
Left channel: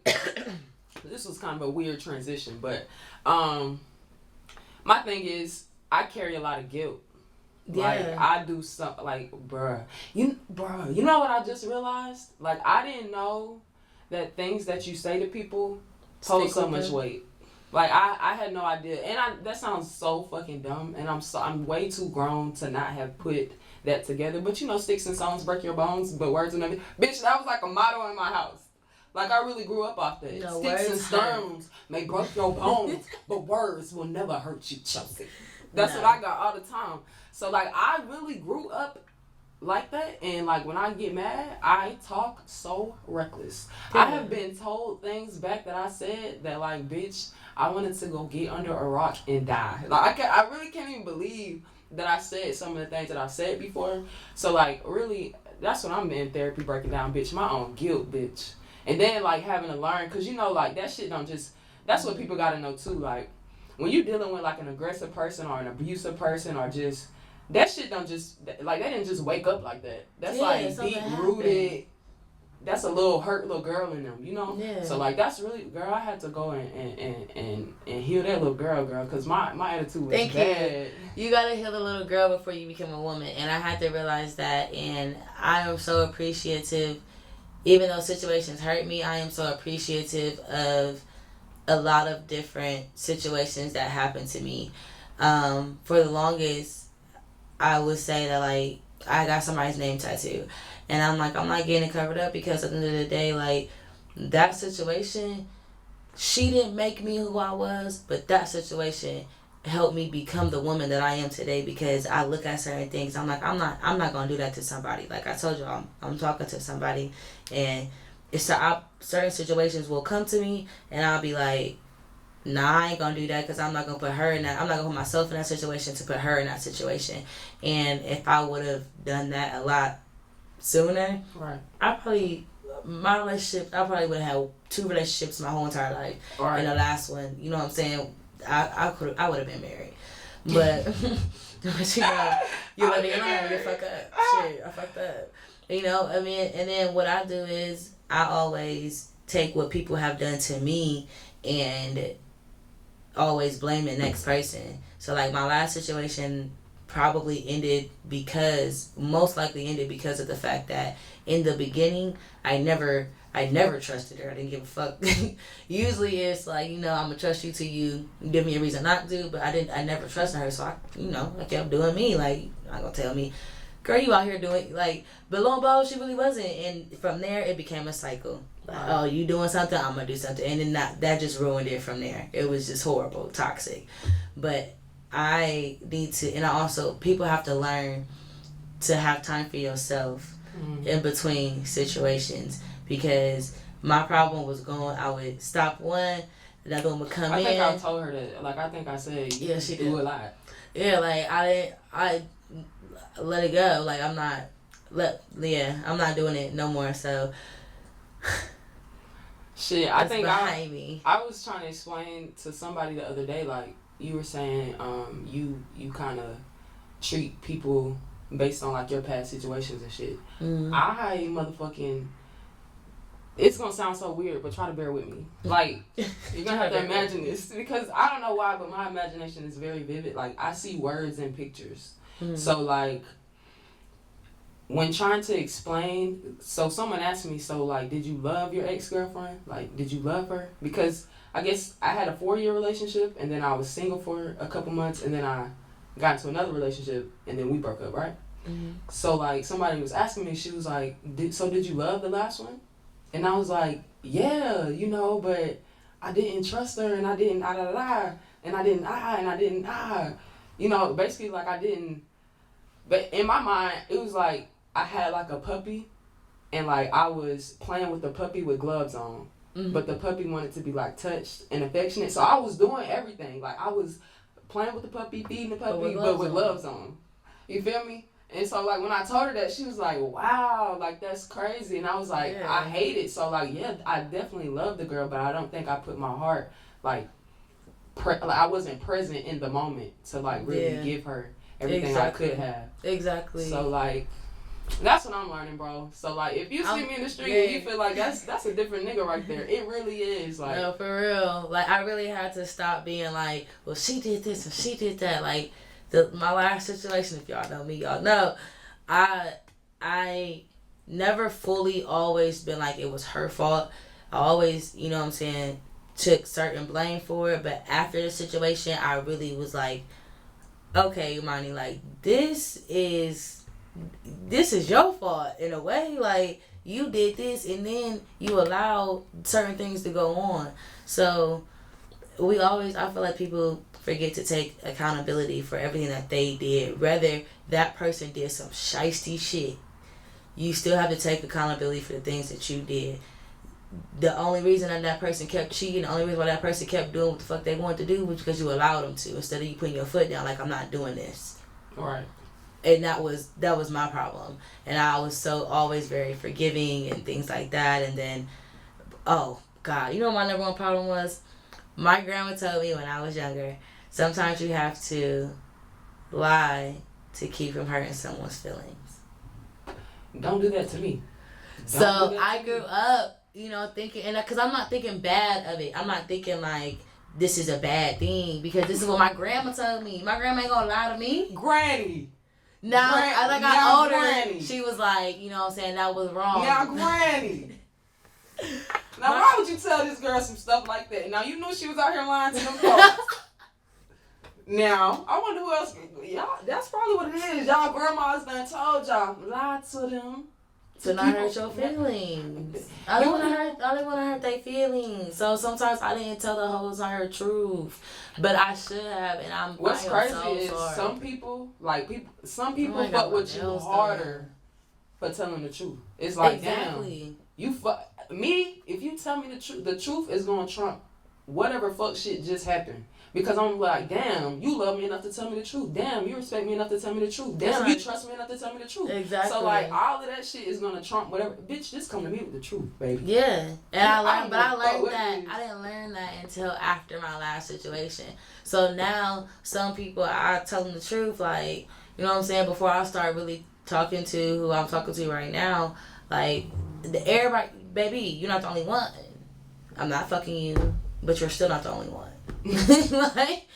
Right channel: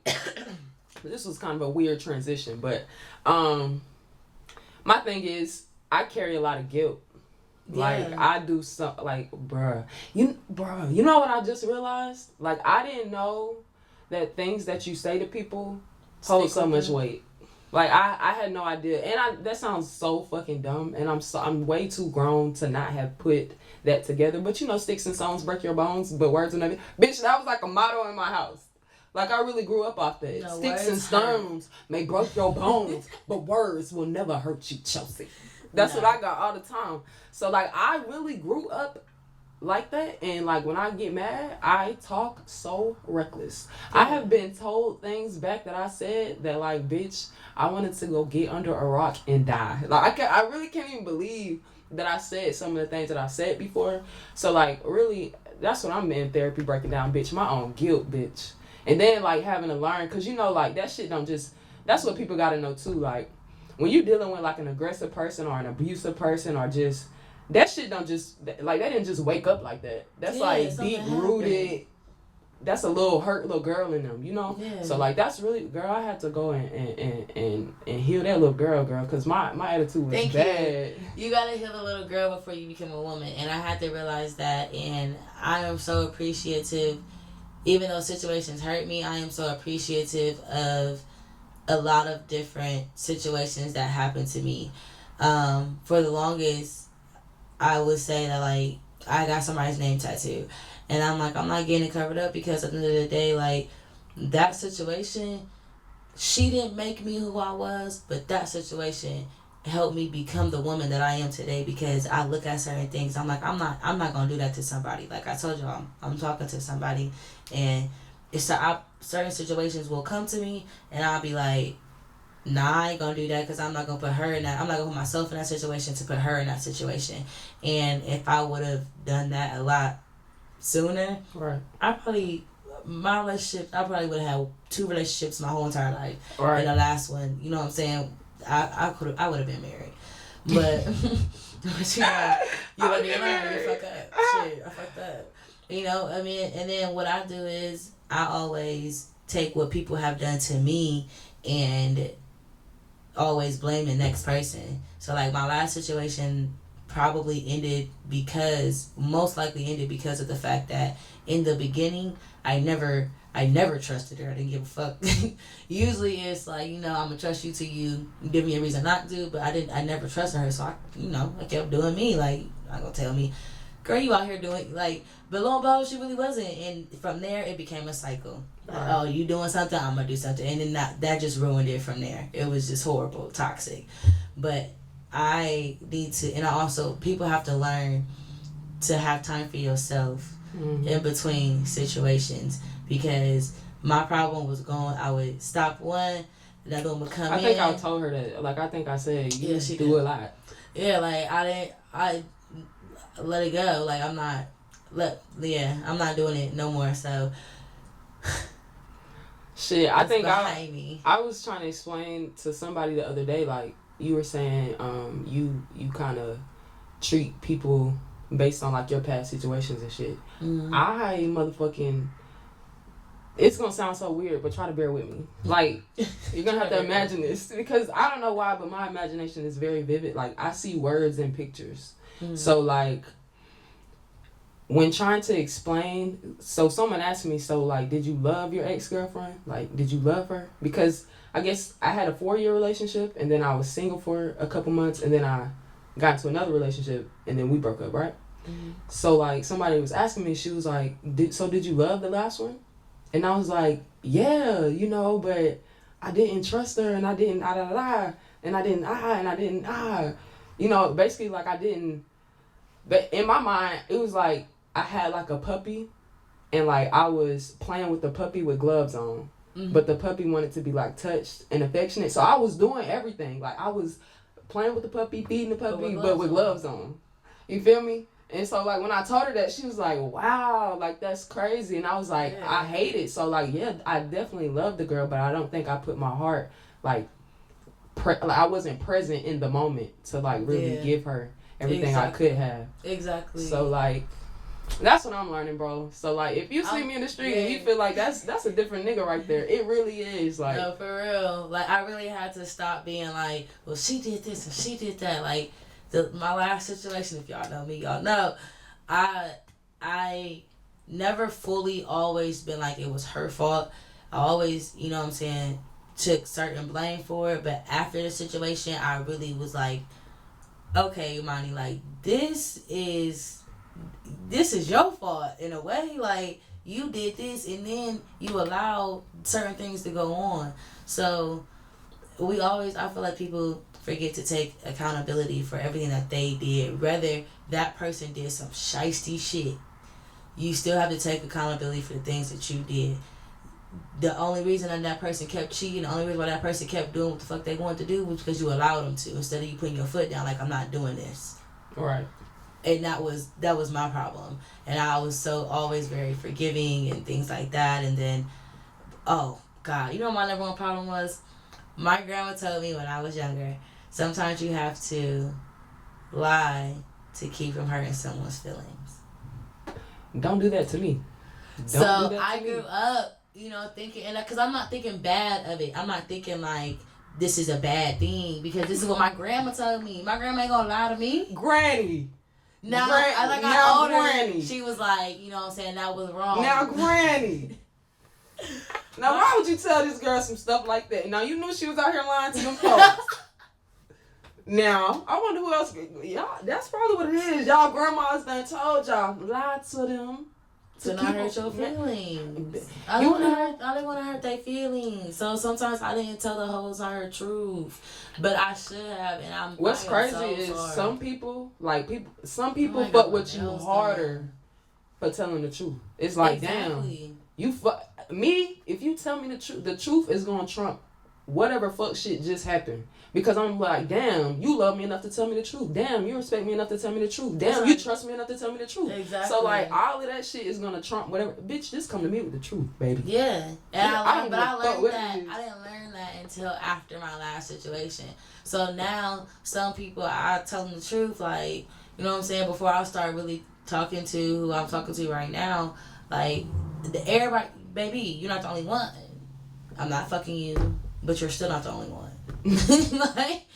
this was kind of a weird transition, but my thing is I carry a lot of guilt. Like, I do something, like, bruh, you know what I just realized? Like, I didn't know that things that you say to people hold so much weight. Like, I had no idea. And that sounds so fucking dumb, and I'm way too grown to not have put that together. But, you know, sticks and stones break your bones, but words will never. Bitch, that was like a motto in my house. Like, I really grew up off that. No, sticks and stones may break your bones, but words will never hurt you, Chelsea. That's what I got all the time. So, like, I really grew up like that. And, like, when I get mad, I talk so reckless. Yeah. I have been told things back that I said that, like, bitch, I wanted to go get under a rock and die. Like, I really can't even believe that I said some of the things that I said before. So, like, really, that's what I'm in therapy breaking down, bitch. My own guilt, bitch. And then, like, having to learn. Because, you know, like, that shit don't just... That's what people got to know, too. Like, when you're dealing with, like, an aggressive person or an abusive person or just... That shit don't just... Like, they didn't just wake up like that. That's, like, deep-rooted... That's a little hurt little girl in them, you know? Yeah. So, like, that's really... Girl, I had to go and heal that little girl, because my attitude was bad. You gotta heal the little girl before you become a woman. And I had to realize that. And I am so appreciative. Even though situations hurt me, I am so appreciative of a lot of different situations that happened to me. For the longest, I would say that, like, I got somebody's name tattooed. And I'm like, I'm not getting it covered up because at the end of the day, like, that situation, she didn't make me who I was, but that situation helped me become the woman that I am today because I look at certain things. I'm like, I'm not going to do that to somebody. Like I told you, I'm talking to somebody, and certain situations will come to me, and I'll be like, nah, I ain't gonna do that because I'm not gonna put her in that. I'm not gonna put myself in that situation to put her in that situation. And if I would have done that a lot sooner, Right. My relationship, I probably would have had 2 relationships my whole entire life. Right. And the last one, you know what I'm saying? I would have been married. But, but you let me alone, you fuck up. Shit, I fucked up. You know, I mean, and then what I do is I always take what people have done to me and always blame the next person. So like my last situation most likely ended because of the fact that in the beginning I never trusted her. I didn't give a fuck. Usually it's like, I'm gonna trust you till you give me a reason not to, but I never trusted her, so I kept doing me. Like, not gonna tell me, girl, you out here doing, like, but lo and behold, she really wasn't. And from there it became a cycle. Like, oh, you doing something, I'm gonna do something. And then that just ruined it from there. It was just horrible, toxic. But I need to, and I also, people have to learn to have time for yourself in between situations, because my problem was I would stop one, another one would come in. I think I told her that. Like, I think I said, she do a lot. Yeah, like, I let it go. Like, I'm not doing it no more, so. Shit, I think I was trying to explain to somebody the other day, like, you were saying, you kind of treat people based on, like, your past situations and shit. I motherfucking, it's gonna sound so weird, but try to bear with me. Like, you're gonna have to imagine this, because I don't know why, but my imagination is very vivid. Like, I see words and pictures. So, like, when trying to explain, so someone asked me, so, like, did you love your ex-girlfriend? Like, did you love her? Because I guess I had a 4-year relationship, and then I was single for a couple months, and then I got into another relationship, and then we broke up, right? So, like, somebody was asking me, she was like, did you love the last one? And I was like, yeah, but I didn't trust her, and I didn't, and I didn't, basically, like, I didn't, but in my mind, it was like, I had, like, a puppy, and, like, I was playing with the puppy with gloves on. But the puppy wanted to be, like, touched and affectionate. So I was doing everything. Like, I was playing with the puppy, feeding the puppy, but with gloves on. You feel me? And so, like, when I told her that, she was like, wow, like, that's crazy. And I was like, yeah. I hate it. So, like, yeah, I definitely love the girl, but I don't think I put my heart, like I wasn't present in the moment to, like, really give her everything I could have. Exactly. So, like, that's what I'm learning, bro. So, like, if you see me in the street and you feel like that's a different nigga right there, it really is. Like, no, for real. Like, I really had to stop being like, well, she did this and she did that. Like, my last situation, if y'all know me, y'all know, I never fully always been like it was her fault. I always, you know what I'm saying, took certain blame for it. But after the situation, I really was like, okay, Imani, like, this is your fault in a way. Like, you did this and then you allowed certain things to go on. So I feel like people forget to take accountability for everything that they did. Whether that person did some shiesty shit, you still have to take accountability for the things that you did. The only reason that person kept cheating, the only reason why that person kept doing what the fuck they wanted to do was because you allowed them to, instead of you putting your foot down like, I'm not doing this. Right. And that was my problem. And I was so always very forgiving and things like that. And then, oh God, you know what my number one problem was? My grandma told me when I was younger, sometimes you have to lie to keep from hurting someone's feelings. Don't do that to me. I grew up, thinking, and because I'm not thinking bad of it. I'm not thinking like this is a bad thing, because this is what my grandma told me. My grandma ain't gonna lie to me. Granny. Now, as I got older, Granny. She was like, you know what I'm saying, that was wrong. Now, Granny. Now, why would you tell this girl some stuff like that? Now, you knew she was out here lying to them folks. Now, I wonder who else. Y'all, that's probably what it is. Y'all grandmas done told y'all, lie to them. To not hurt your feelings. I didn't want to hurt their feelings. So sometimes I didn't tell the whole entire truth, but I should have. And what's crazy is sorry. Some people fuck with you harder for telling the truth. It's like, damn, you fuck me. If you tell me the truth is gonna trump whatever fuck shit just happened. Because I'm like, damn, you love me enough to tell me the truth. Damn, you respect me enough to tell me the truth. Damn, you trust me enough to tell me the truth. Exactly. So like, all of that shit is gonna trump whatever. Bitch, just come to me with the truth, baby. Yeah, and I learned that. I didn't learn that until after my last situation. So now, some people, I tell them the truth, like, you know what I'm saying. Before I start really talking to who I'm talking to right now, like, everybody, baby, you're not the only one. I'm not fucking you, but you're still not the only one. Like,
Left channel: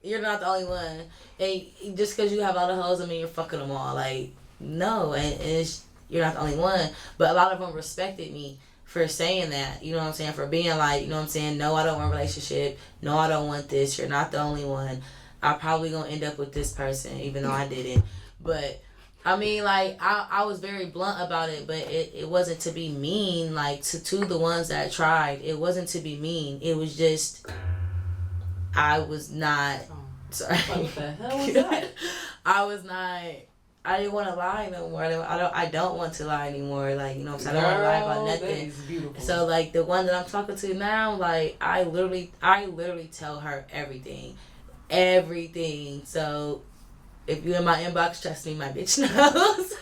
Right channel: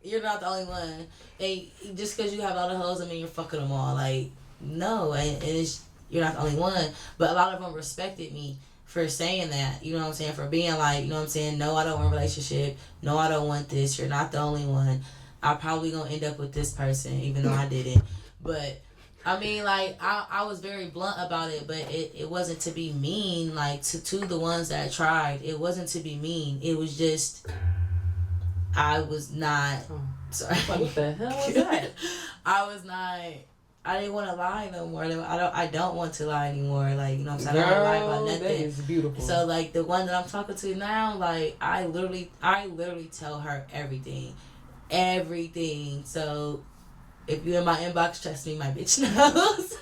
you're not the only one, and just because you have all the hoes, I mean, you're fucking them all. Like, no, and you're not the only one. But a lot of them respected me for saying that. You know what I'm saying? For being like, you know what I'm saying? No, I don't want a relationship. No, I don't want this. You're not the only one. I'm probably gonna end up with this person, even though I didn't. But I mean, like, I was very blunt about it, but it wasn't to be mean. Like, to the ones that tried, it wasn't to be mean. It was just, I was not. Sorry. What the hell was that? I didn't want to lie no more. I don't want to lie anymore. Like, you know what I'm saying? I don't want to lie about nothing. That is beautiful. So, like, the one that I'm talking to now, like, I literally tell her everything. Everything. So, if you in my inbox, trust me, my bitch knows.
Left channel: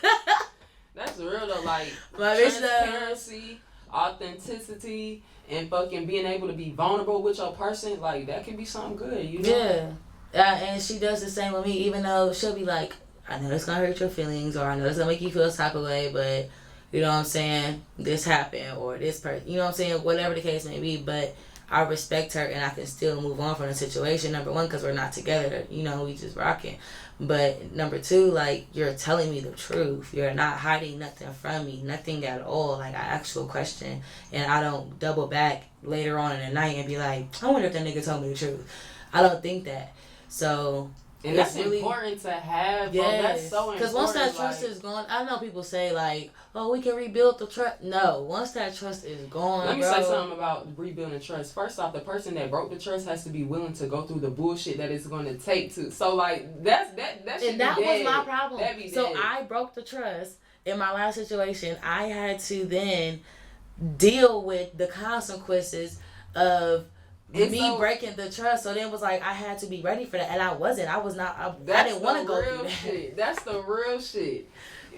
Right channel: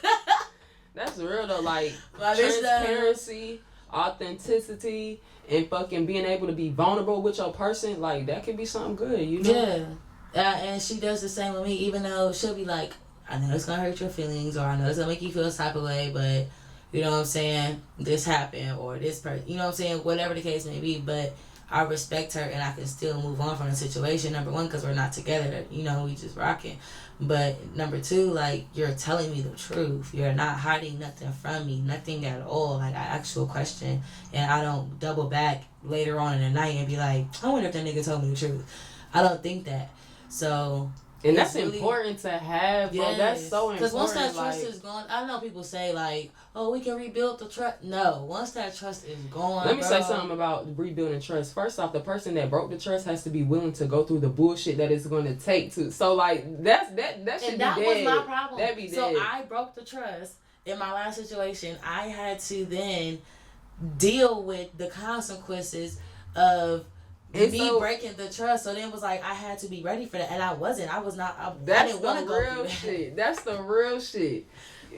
That's real though. Like, my transparency, authenticity, and fucking being able to be vulnerable with your person, like, that could be something good, you know? Yeah. And she does the same with me, even though she'll be like, I know it's gonna hurt your feelings, or I know it's gonna make you feel this type of way, but you know what I'm saying, this happened, or this person, you know what I'm saying, whatever the case may be. But I respect her, and I can still move on from the situation. Number one, because we're not together, you know, we just rocking. But number two, like, you're telling me the truth. You're not hiding nothing from me, nothing at all. Like, I ask you a question, and I don't double back later on in the night and be like, I wonder if that nigga told me the truth. I don't think that. So, and that's really important to have, bro. Yes. That's so important. Because once that trust is gone, I know people say, like, oh, we can rebuild the trust. No, once that trust is gone, let me say something about rebuilding trust. First off, the person that broke the trust has to be willing to go through the bullshit that it's going to take to. So, like, that should and that be was dead. My problem. That'd be so dead. I broke the trust in my last situation. I had to then deal with the consequences of me breaking the trust. So then it was like, I had to be ready for that, and I wasn't. I was not. I didn't want to go through that. Shit. That's the real shit.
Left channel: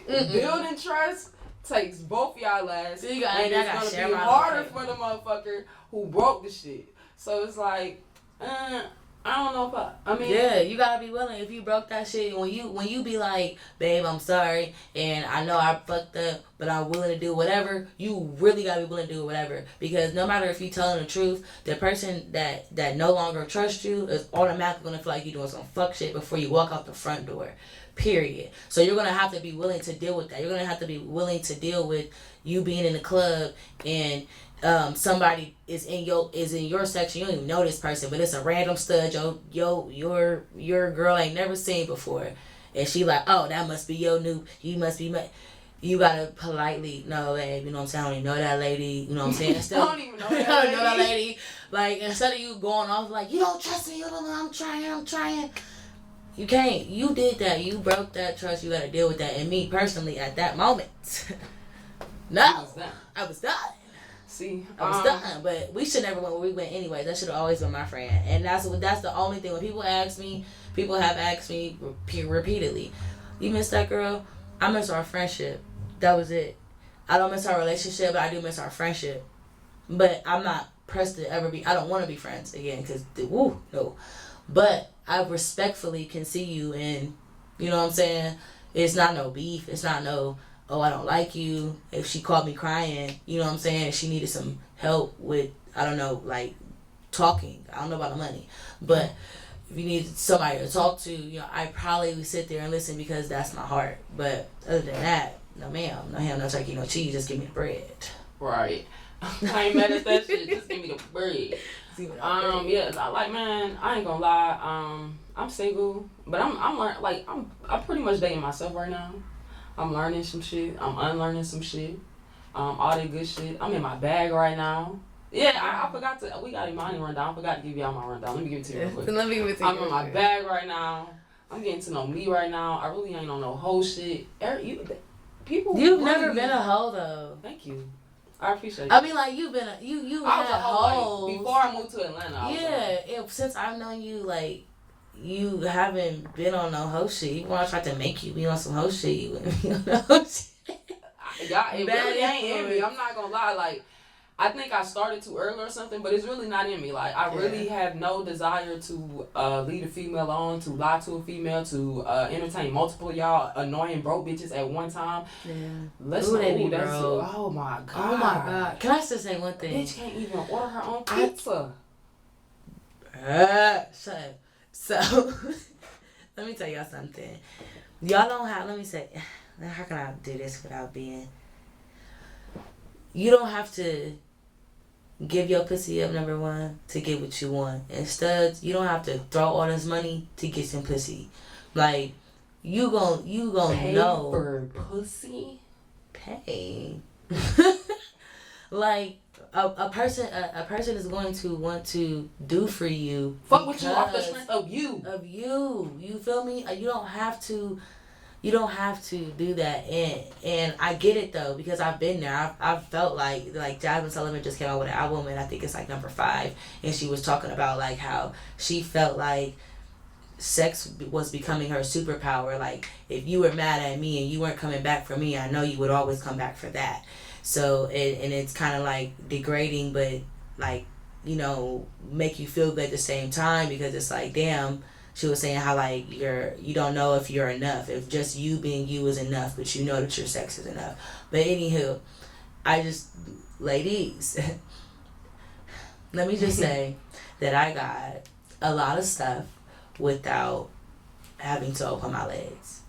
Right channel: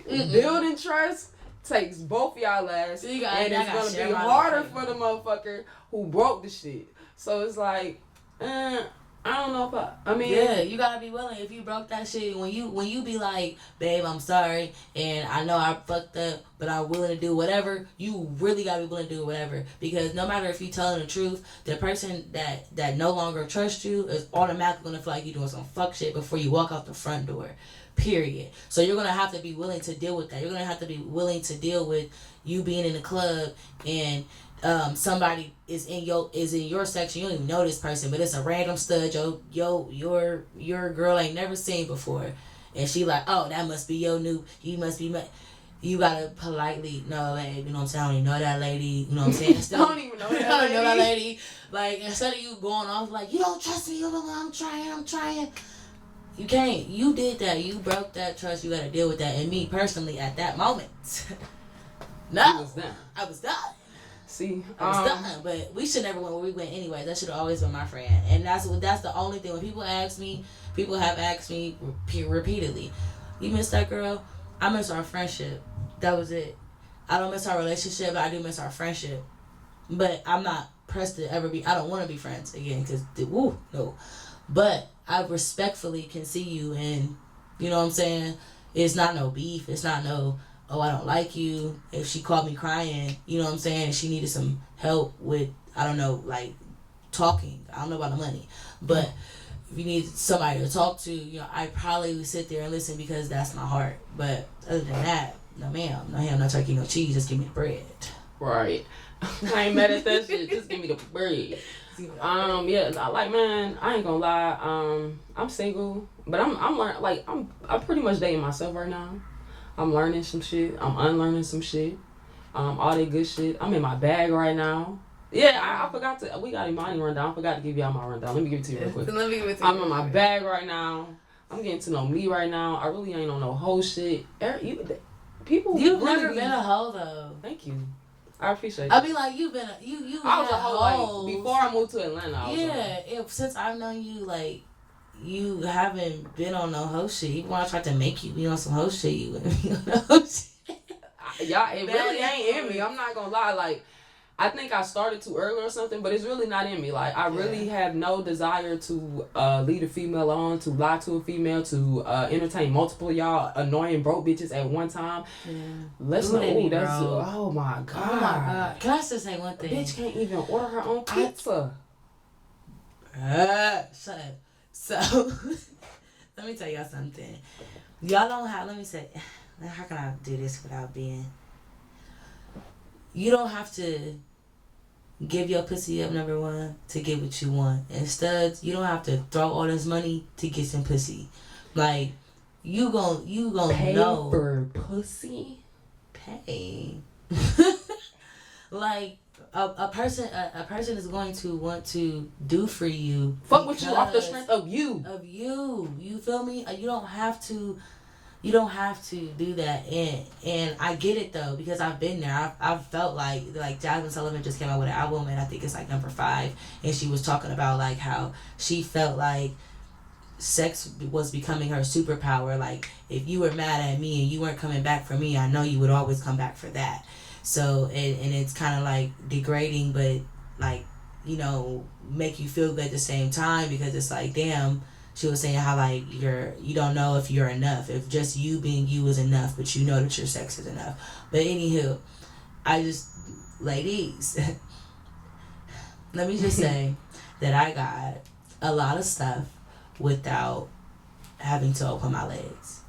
Building trust takes both y'all ass, and it's gonna be harder for the motherfucker who broke the shit. So it's like, I don't know if I mean, yeah, you gotta be willing. If you broke that shit, when you be like, babe, I'm sorry, and I know I fucked up, but I'm willing to do whatever, you really gotta be willing to do whatever. Because no matter if you telling the truth, the person that no longer trusts you is automatically gonna feel like you doing some fuck shit before you walk out the front door. Period. So you're gonna have to be willing to deal with that. You're gonna have to be willing to deal with you being in the club and somebody is in your section. You don't even know this person, but it's a random stud your girl ain't never seen before, and she like, oh, that must be your new. You must be. You gotta politely, no, babe, you know what I'm saying? I don't even know that lady. You know what I'm saying? I don't even know that lady. Like, instead of you going off like, you don't trust me, I'm trying. You can't. You did that. You broke that trust. You gotta deal with that. And me personally, at that moment, no, I was done. See, I was done. But we should never went where we went anyway. That should have always been my friend. And that's the only thing. When people have asked me repeatedly, you miss that girl? I miss our friendship. That was it. I don't miss our relationship, but I do miss our friendship. But I'm not pressed to ever be. I don't want to be friends again because no. But I respectfully can see you, and you know what I'm saying? It's not no beef. It's not no, oh, I don't like you. If she called me crying, you know what I'm saying? And she needed some help with, I don't know, like talking. I don't know about the money. But if you need somebody to talk to, you know, I probably would sit there and listen because that's my heart. But other than that, no ma'am, no ham, no turkey, no cheese. Just give me the bread. Right. I ain't mad at that shit. Just give me the bread. Yeah, man, I ain't gonna lie. I'm single, but I'm learning. Like, I'm pretty much dating myself right now. I'm learning some shit. I'm unlearning some shit. All that good shit. I'm in my bag right now. Yeah, I forgot to. We got Imani rundown. I forgot to give y'all my rundown. Let me give it to you real quick. Let me give it to you. I'm in my bag right now. I'm getting to know me right now. I really ain't on no whole shit. People. You've never been a hoe though. Thank you. I appreciate I mean, like, you've been you I was had a whole hoes. like before I moved to Atlanta. I was Since I've known you, like, you haven't been on no hoe shit. Even when I tried to make you be on some hoe shit, you wouldn't be on no hoe shit. Y'all, it really ain't in me. I'm not gonna lie. Like, I think I started too early or something, but it's really not in me. Like, I really have no desire to lead a female on, to lie to a female, to entertain multiple y'all annoying broke bitches at one time. Yeah. Let's not. Ooh, that's oh my god. Oh my god. Can I just say one thing? Bitch can't even order her own pizza. Shut up. So, let me tell y'all something. Y'all don't have. Let me say. How can I do this without being? You don't have to give your pussy up, number one, to get what you want. Instead, you don't have to throw all this money to get some pussy. Like, you gon' pay know for pussy. Pay. Like, a person is going to want to do for you. Fuck with you off the strength of you. You feel me? You don't have to do that, and I get it though, because I've been there. I've felt like Jasmine Sullivan just came out with an album, and I think it's like number 5, and she was talking about like how she felt like sex was becoming her superpower. Like, if you were mad at me and you weren't coming back for me, I know you would always come back for that. So and it's kind of like degrading, but like, you know, make you feel good at the same time, because it's like, damn. She was saying how like you don't know if you're enough, if just you being you is enough, but you know that your sex is enough. But anywho, ladies, let me just say that I got a lot of stuff without having to open my legs,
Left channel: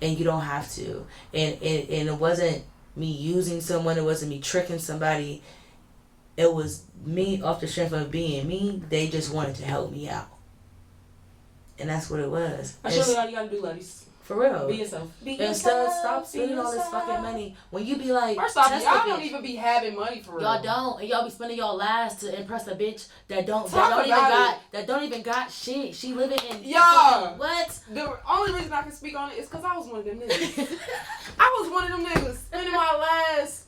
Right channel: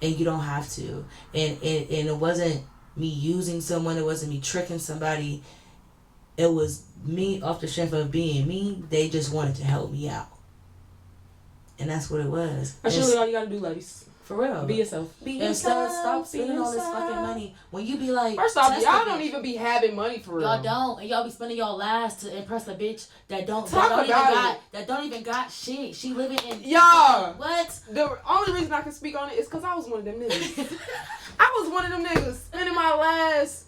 and you don't have to. And it wasn't me using someone, it wasn't me tricking somebody. It was me off the strength of being me. They just wanted to help me out. And that's what it was. That's really all you gotta do, ladies. For real. Be yourself. Stop spending all this fucking money. When you be like, first off, y'all don't even be having money for real. Y'all don't, and y'all be spending your last to impress a bitch that don't even got shit. She living in what? The only reason I can speak on it is because I was one of them niggas. I was one of them niggas spending my last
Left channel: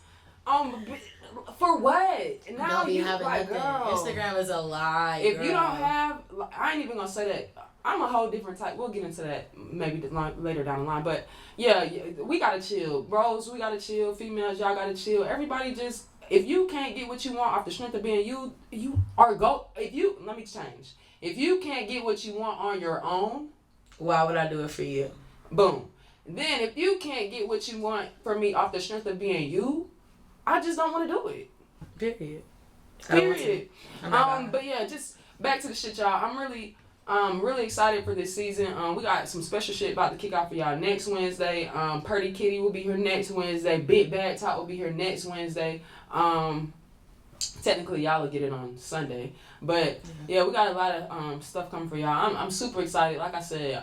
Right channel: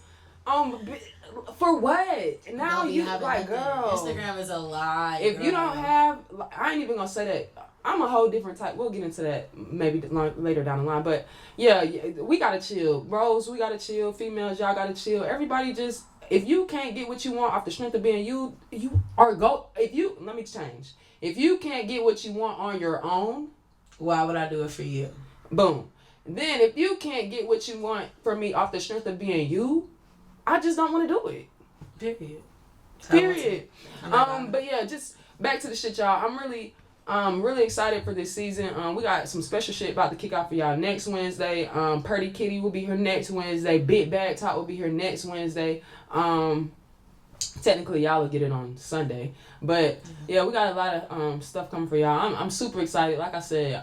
for what? Now you like, girl. Instagram is a lie. If you don't have, I ain't even gonna say that. I'm a whole different type. We'll get into that maybe later down the line. But yeah, we gotta chill, bros. We gotta chill. Females, y'all gotta chill. Everybody just, if you can't get what you want off the strength of being you let me change. If you can't get what you want on your own, why would I do it for you? Boom. Then if you can't get what you want from me off the strength of being you, I just don't want to do it. Period. But yeah, just back to the shit, y'all. I'm really excited for this season. We got some special shit about to kick off for y'all next Wednesday. Purdy Kitty will be here next Wednesday. Big Bag Talk will be here next Wednesday. Technically, y'all will get it on Sunday. But yeah, we got a lot of stuff coming for y'all. I'm super excited. Like I said,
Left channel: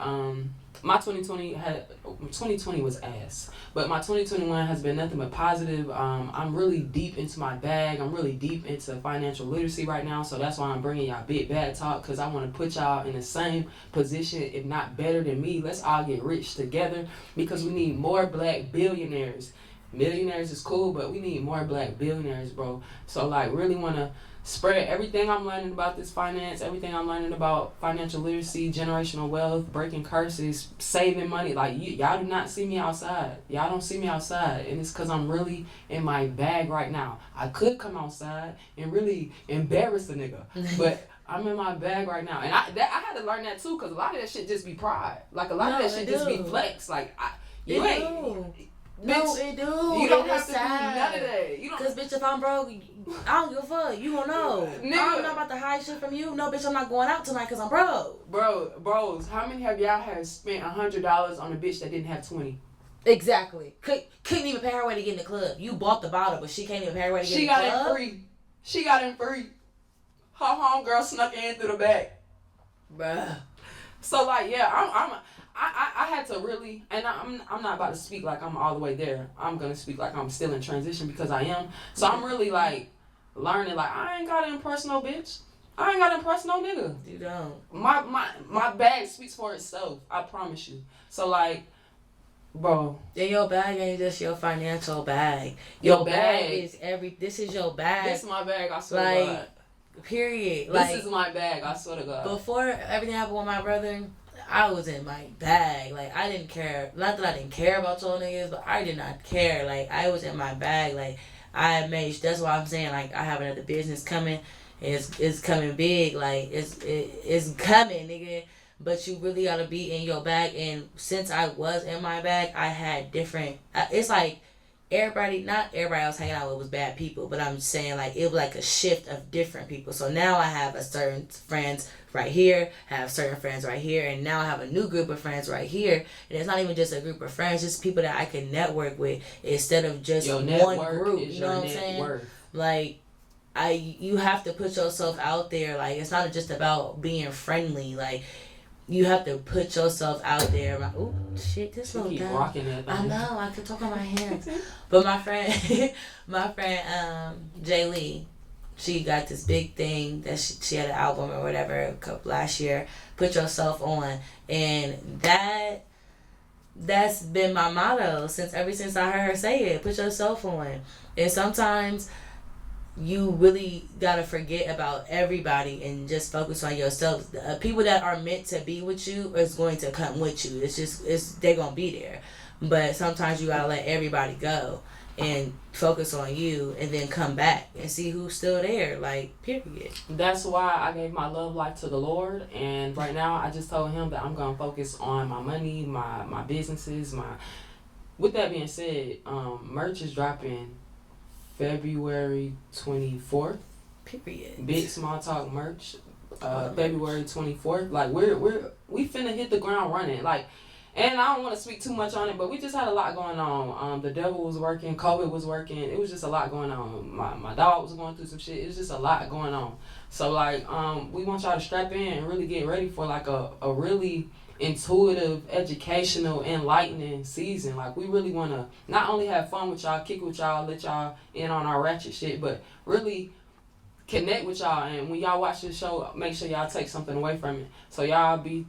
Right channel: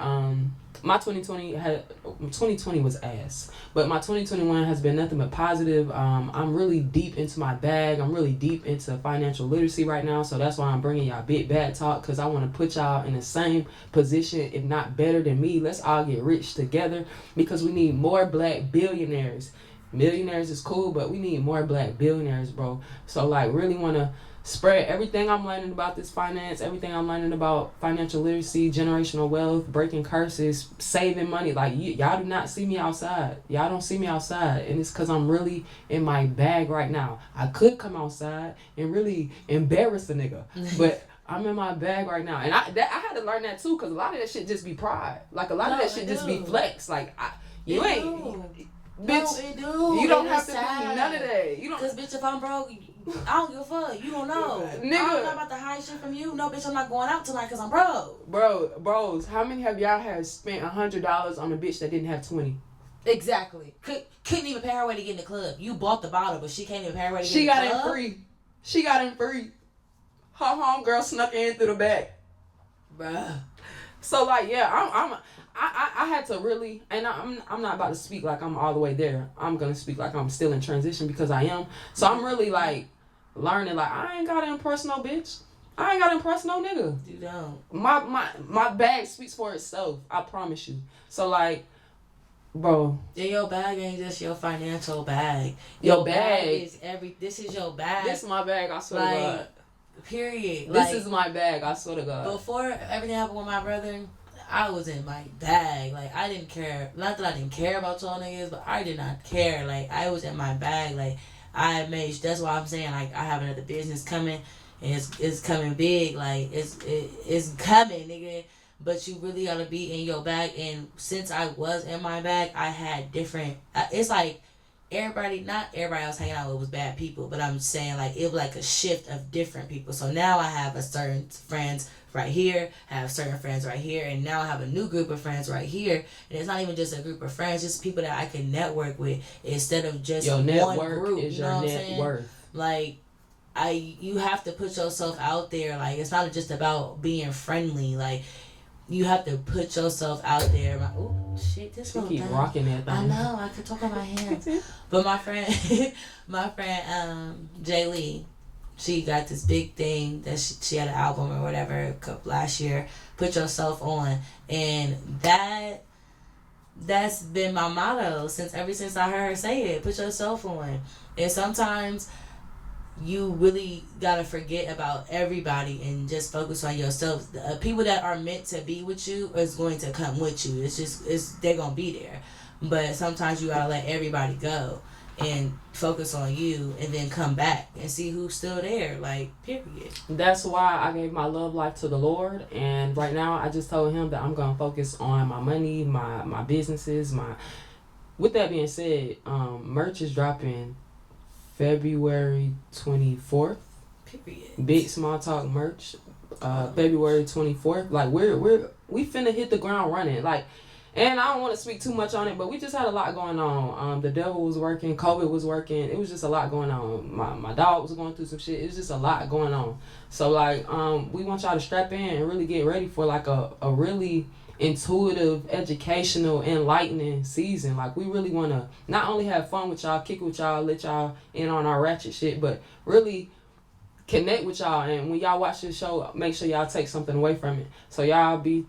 my 2020 was ass, but my 2021 has been nothing but positive. I'm really deep into my bag. I'm really deep into financial literacy right now, so that's why I'm bringing y'all Big Bad Talk, because I want to put y'all in the same position, if not better than me. Let's all get rich together, because we need more black billionaires. Millionaires is cool, but we need more black billionaires, bro. So like, really want to spread everything I'm learning about this finance, everything I'm learning about financial literacy, generational wealth, breaking curses, saving money. Like, y'all do not see me outside. Y'all don't see me outside. And it's because I'm really in my bag right now. I could come outside and really embarrass a nigga. But I'm in my bag right now. And I had to learn that too, because a lot of that shit just be pride. Like, a lot of that shit just be flex. Like, Bitch, no, it do. You don't have to do none of that. You don't. Cause bitch, if I'm broke, I don't give a fuck. You don't know. Nigga. I don't know about the high shit from you. No, bitch, I'm not going out tonight cause I'm broke. Bros, how many have y'all have spent $100 on a bitch that didn't have 20? Exactly. Couldn't even pay her way to get in the club. You bought the bottle, but she can't even pay her way to get in the club. She got in free. Her homegirl snuck in through the back. Bruh. So like, yeah, I had to really, and I'm not about to speak like I'm all the way there. I'm gonna speak like I'm still in transition, because I am. So I'm really like learning, like, I ain't gotta impress no bitch. I ain't gotta impress no nigga. You don't. My bag speaks for itself. I promise you. So like, Bro. And your bag ain't just your financial bag. Your bag is this is your bag. This is my bag, I swear like, to God. Period. This is my bag, I swear to God. Before everything happened with my brother, I was in my bag. Like, I didn't care. Not that I didn't care about y'all niggas, but I did not care. Like, I was in my bag. Like, I made. That's why I'm saying, like, I have another business coming. And it's coming big. Like, it's coming, nigga. But you really gotta be in your bag. And since I was in my bag, I had different. It's like not everybody else hanging out with was bad people, but I'm saying, like, it was like a shift of different people. So now I have a certain friends right here, have certain friends right here, and now I have a new group of friends right here. And it's not even just a group of friends, just people that I can network with instead of just one group. Is you know what I'm saying? Like, you have to put yourself out there. Like, it's not just about being friendly. Like, you have to put yourself out there. Like, oh shit, this one keep rocking that thing. I know, I could talk on my hands. But my friend Jay Lee, she got this big thing that she had an album or whatever last year. Put yourself on, and that's been my motto ever since I heard her say it. Put yourself on, and sometimes you really gotta forget about everybody and just focus on yourself. People that are meant to be with you is going to come with you. They're gonna be there, but sometimes you gotta let everybody go and focus on you, and then come back and see who's still there. Like, period. That's why I gave my love life to the Lord, and right now I just told him that I'm gonna focus on my money, my businesses, With that being said, merch is dropping February 24th. Period. Big Small Talk merch. February 24th. Like, we finna hit the ground running. Like, and I don't want to speak too much on it, but we just had a lot going on. The devil was working, COVID was working. It was just a lot going on. My dog was going through some shit. It was just a lot going on. So, like, we want y'all to strap in and really get ready for, like, a really intuitive, educational, enlightening season. Like, we really want to not only have fun with y'all, kick with y'all, let y'all in on our ratchet shit, but really connect with y'all. And when y'all watch this show, make sure y'all take something away from it. So y'all be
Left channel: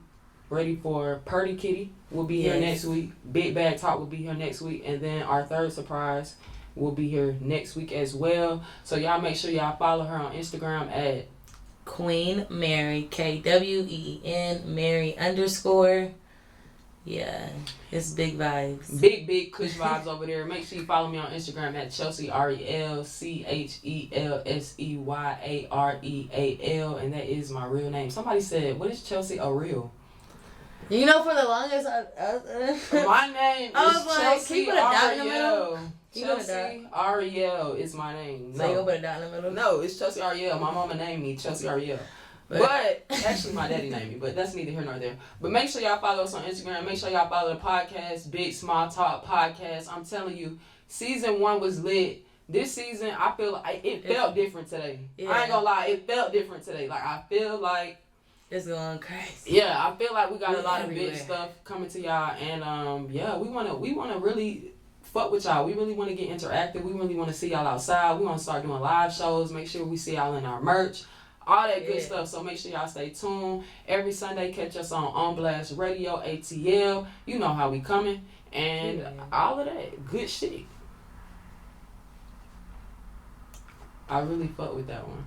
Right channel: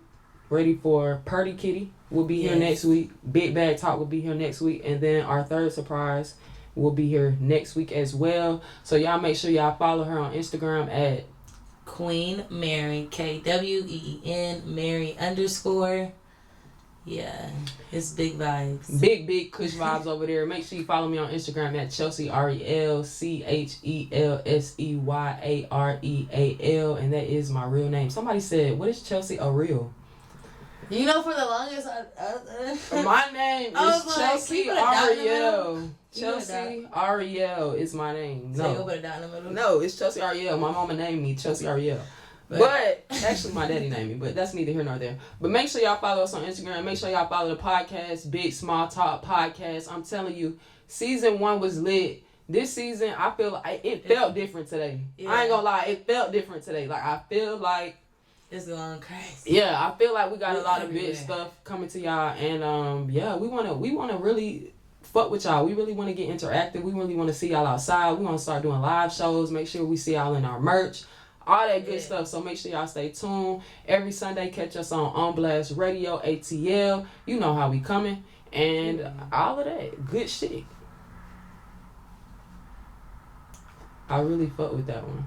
ready for Purdy Kitty will be here next week. Big Bag Talk will be here next week, and then our third surprise will be here next week as well. So y'all make sure y'all follow her on Instagram at Queen Mary, KWEEN Mary _. Yeah, it's big vibes. Big Kush vibes over there. Make sure you follow me on Instagram at Chelsea Ariel, CHELSEYAREAL, and that is my real name. Somebody said, "What is Chelsea Ariel?" You know, for the longest, my name is Chelsea Ariel. Chelsea Ariel is my name. No. So you put a dot in the middle? No, it's Chelsea Ariel. My mama named me Chelsea Ariel. But actually, my daddy named me, but that's neither here nor there. But make sure y'all follow us on Instagram. Make sure y'all follow the podcast, Big Small Talk Podcast. I'm telling you, season 1 was lit. This season, I feel like it felt different today. Yeah. I ain't gonna lie, it felt different today. Like, I feel like it's going crazy. Yeah, I feel like we got a lot of big stuff coming to y'all, and yeah, we wanna really fuck with y'all. We really want to get interactive. We really want to see y'all outside. We want to start doing live shows. Make sure we see y'all in our merch. All that good stuff. So make sure y'all stay tuned. Every Sunday, catch us on Blast Radio, ATL. You know how we coming. And all of that. Good shit. I really fuck with that one.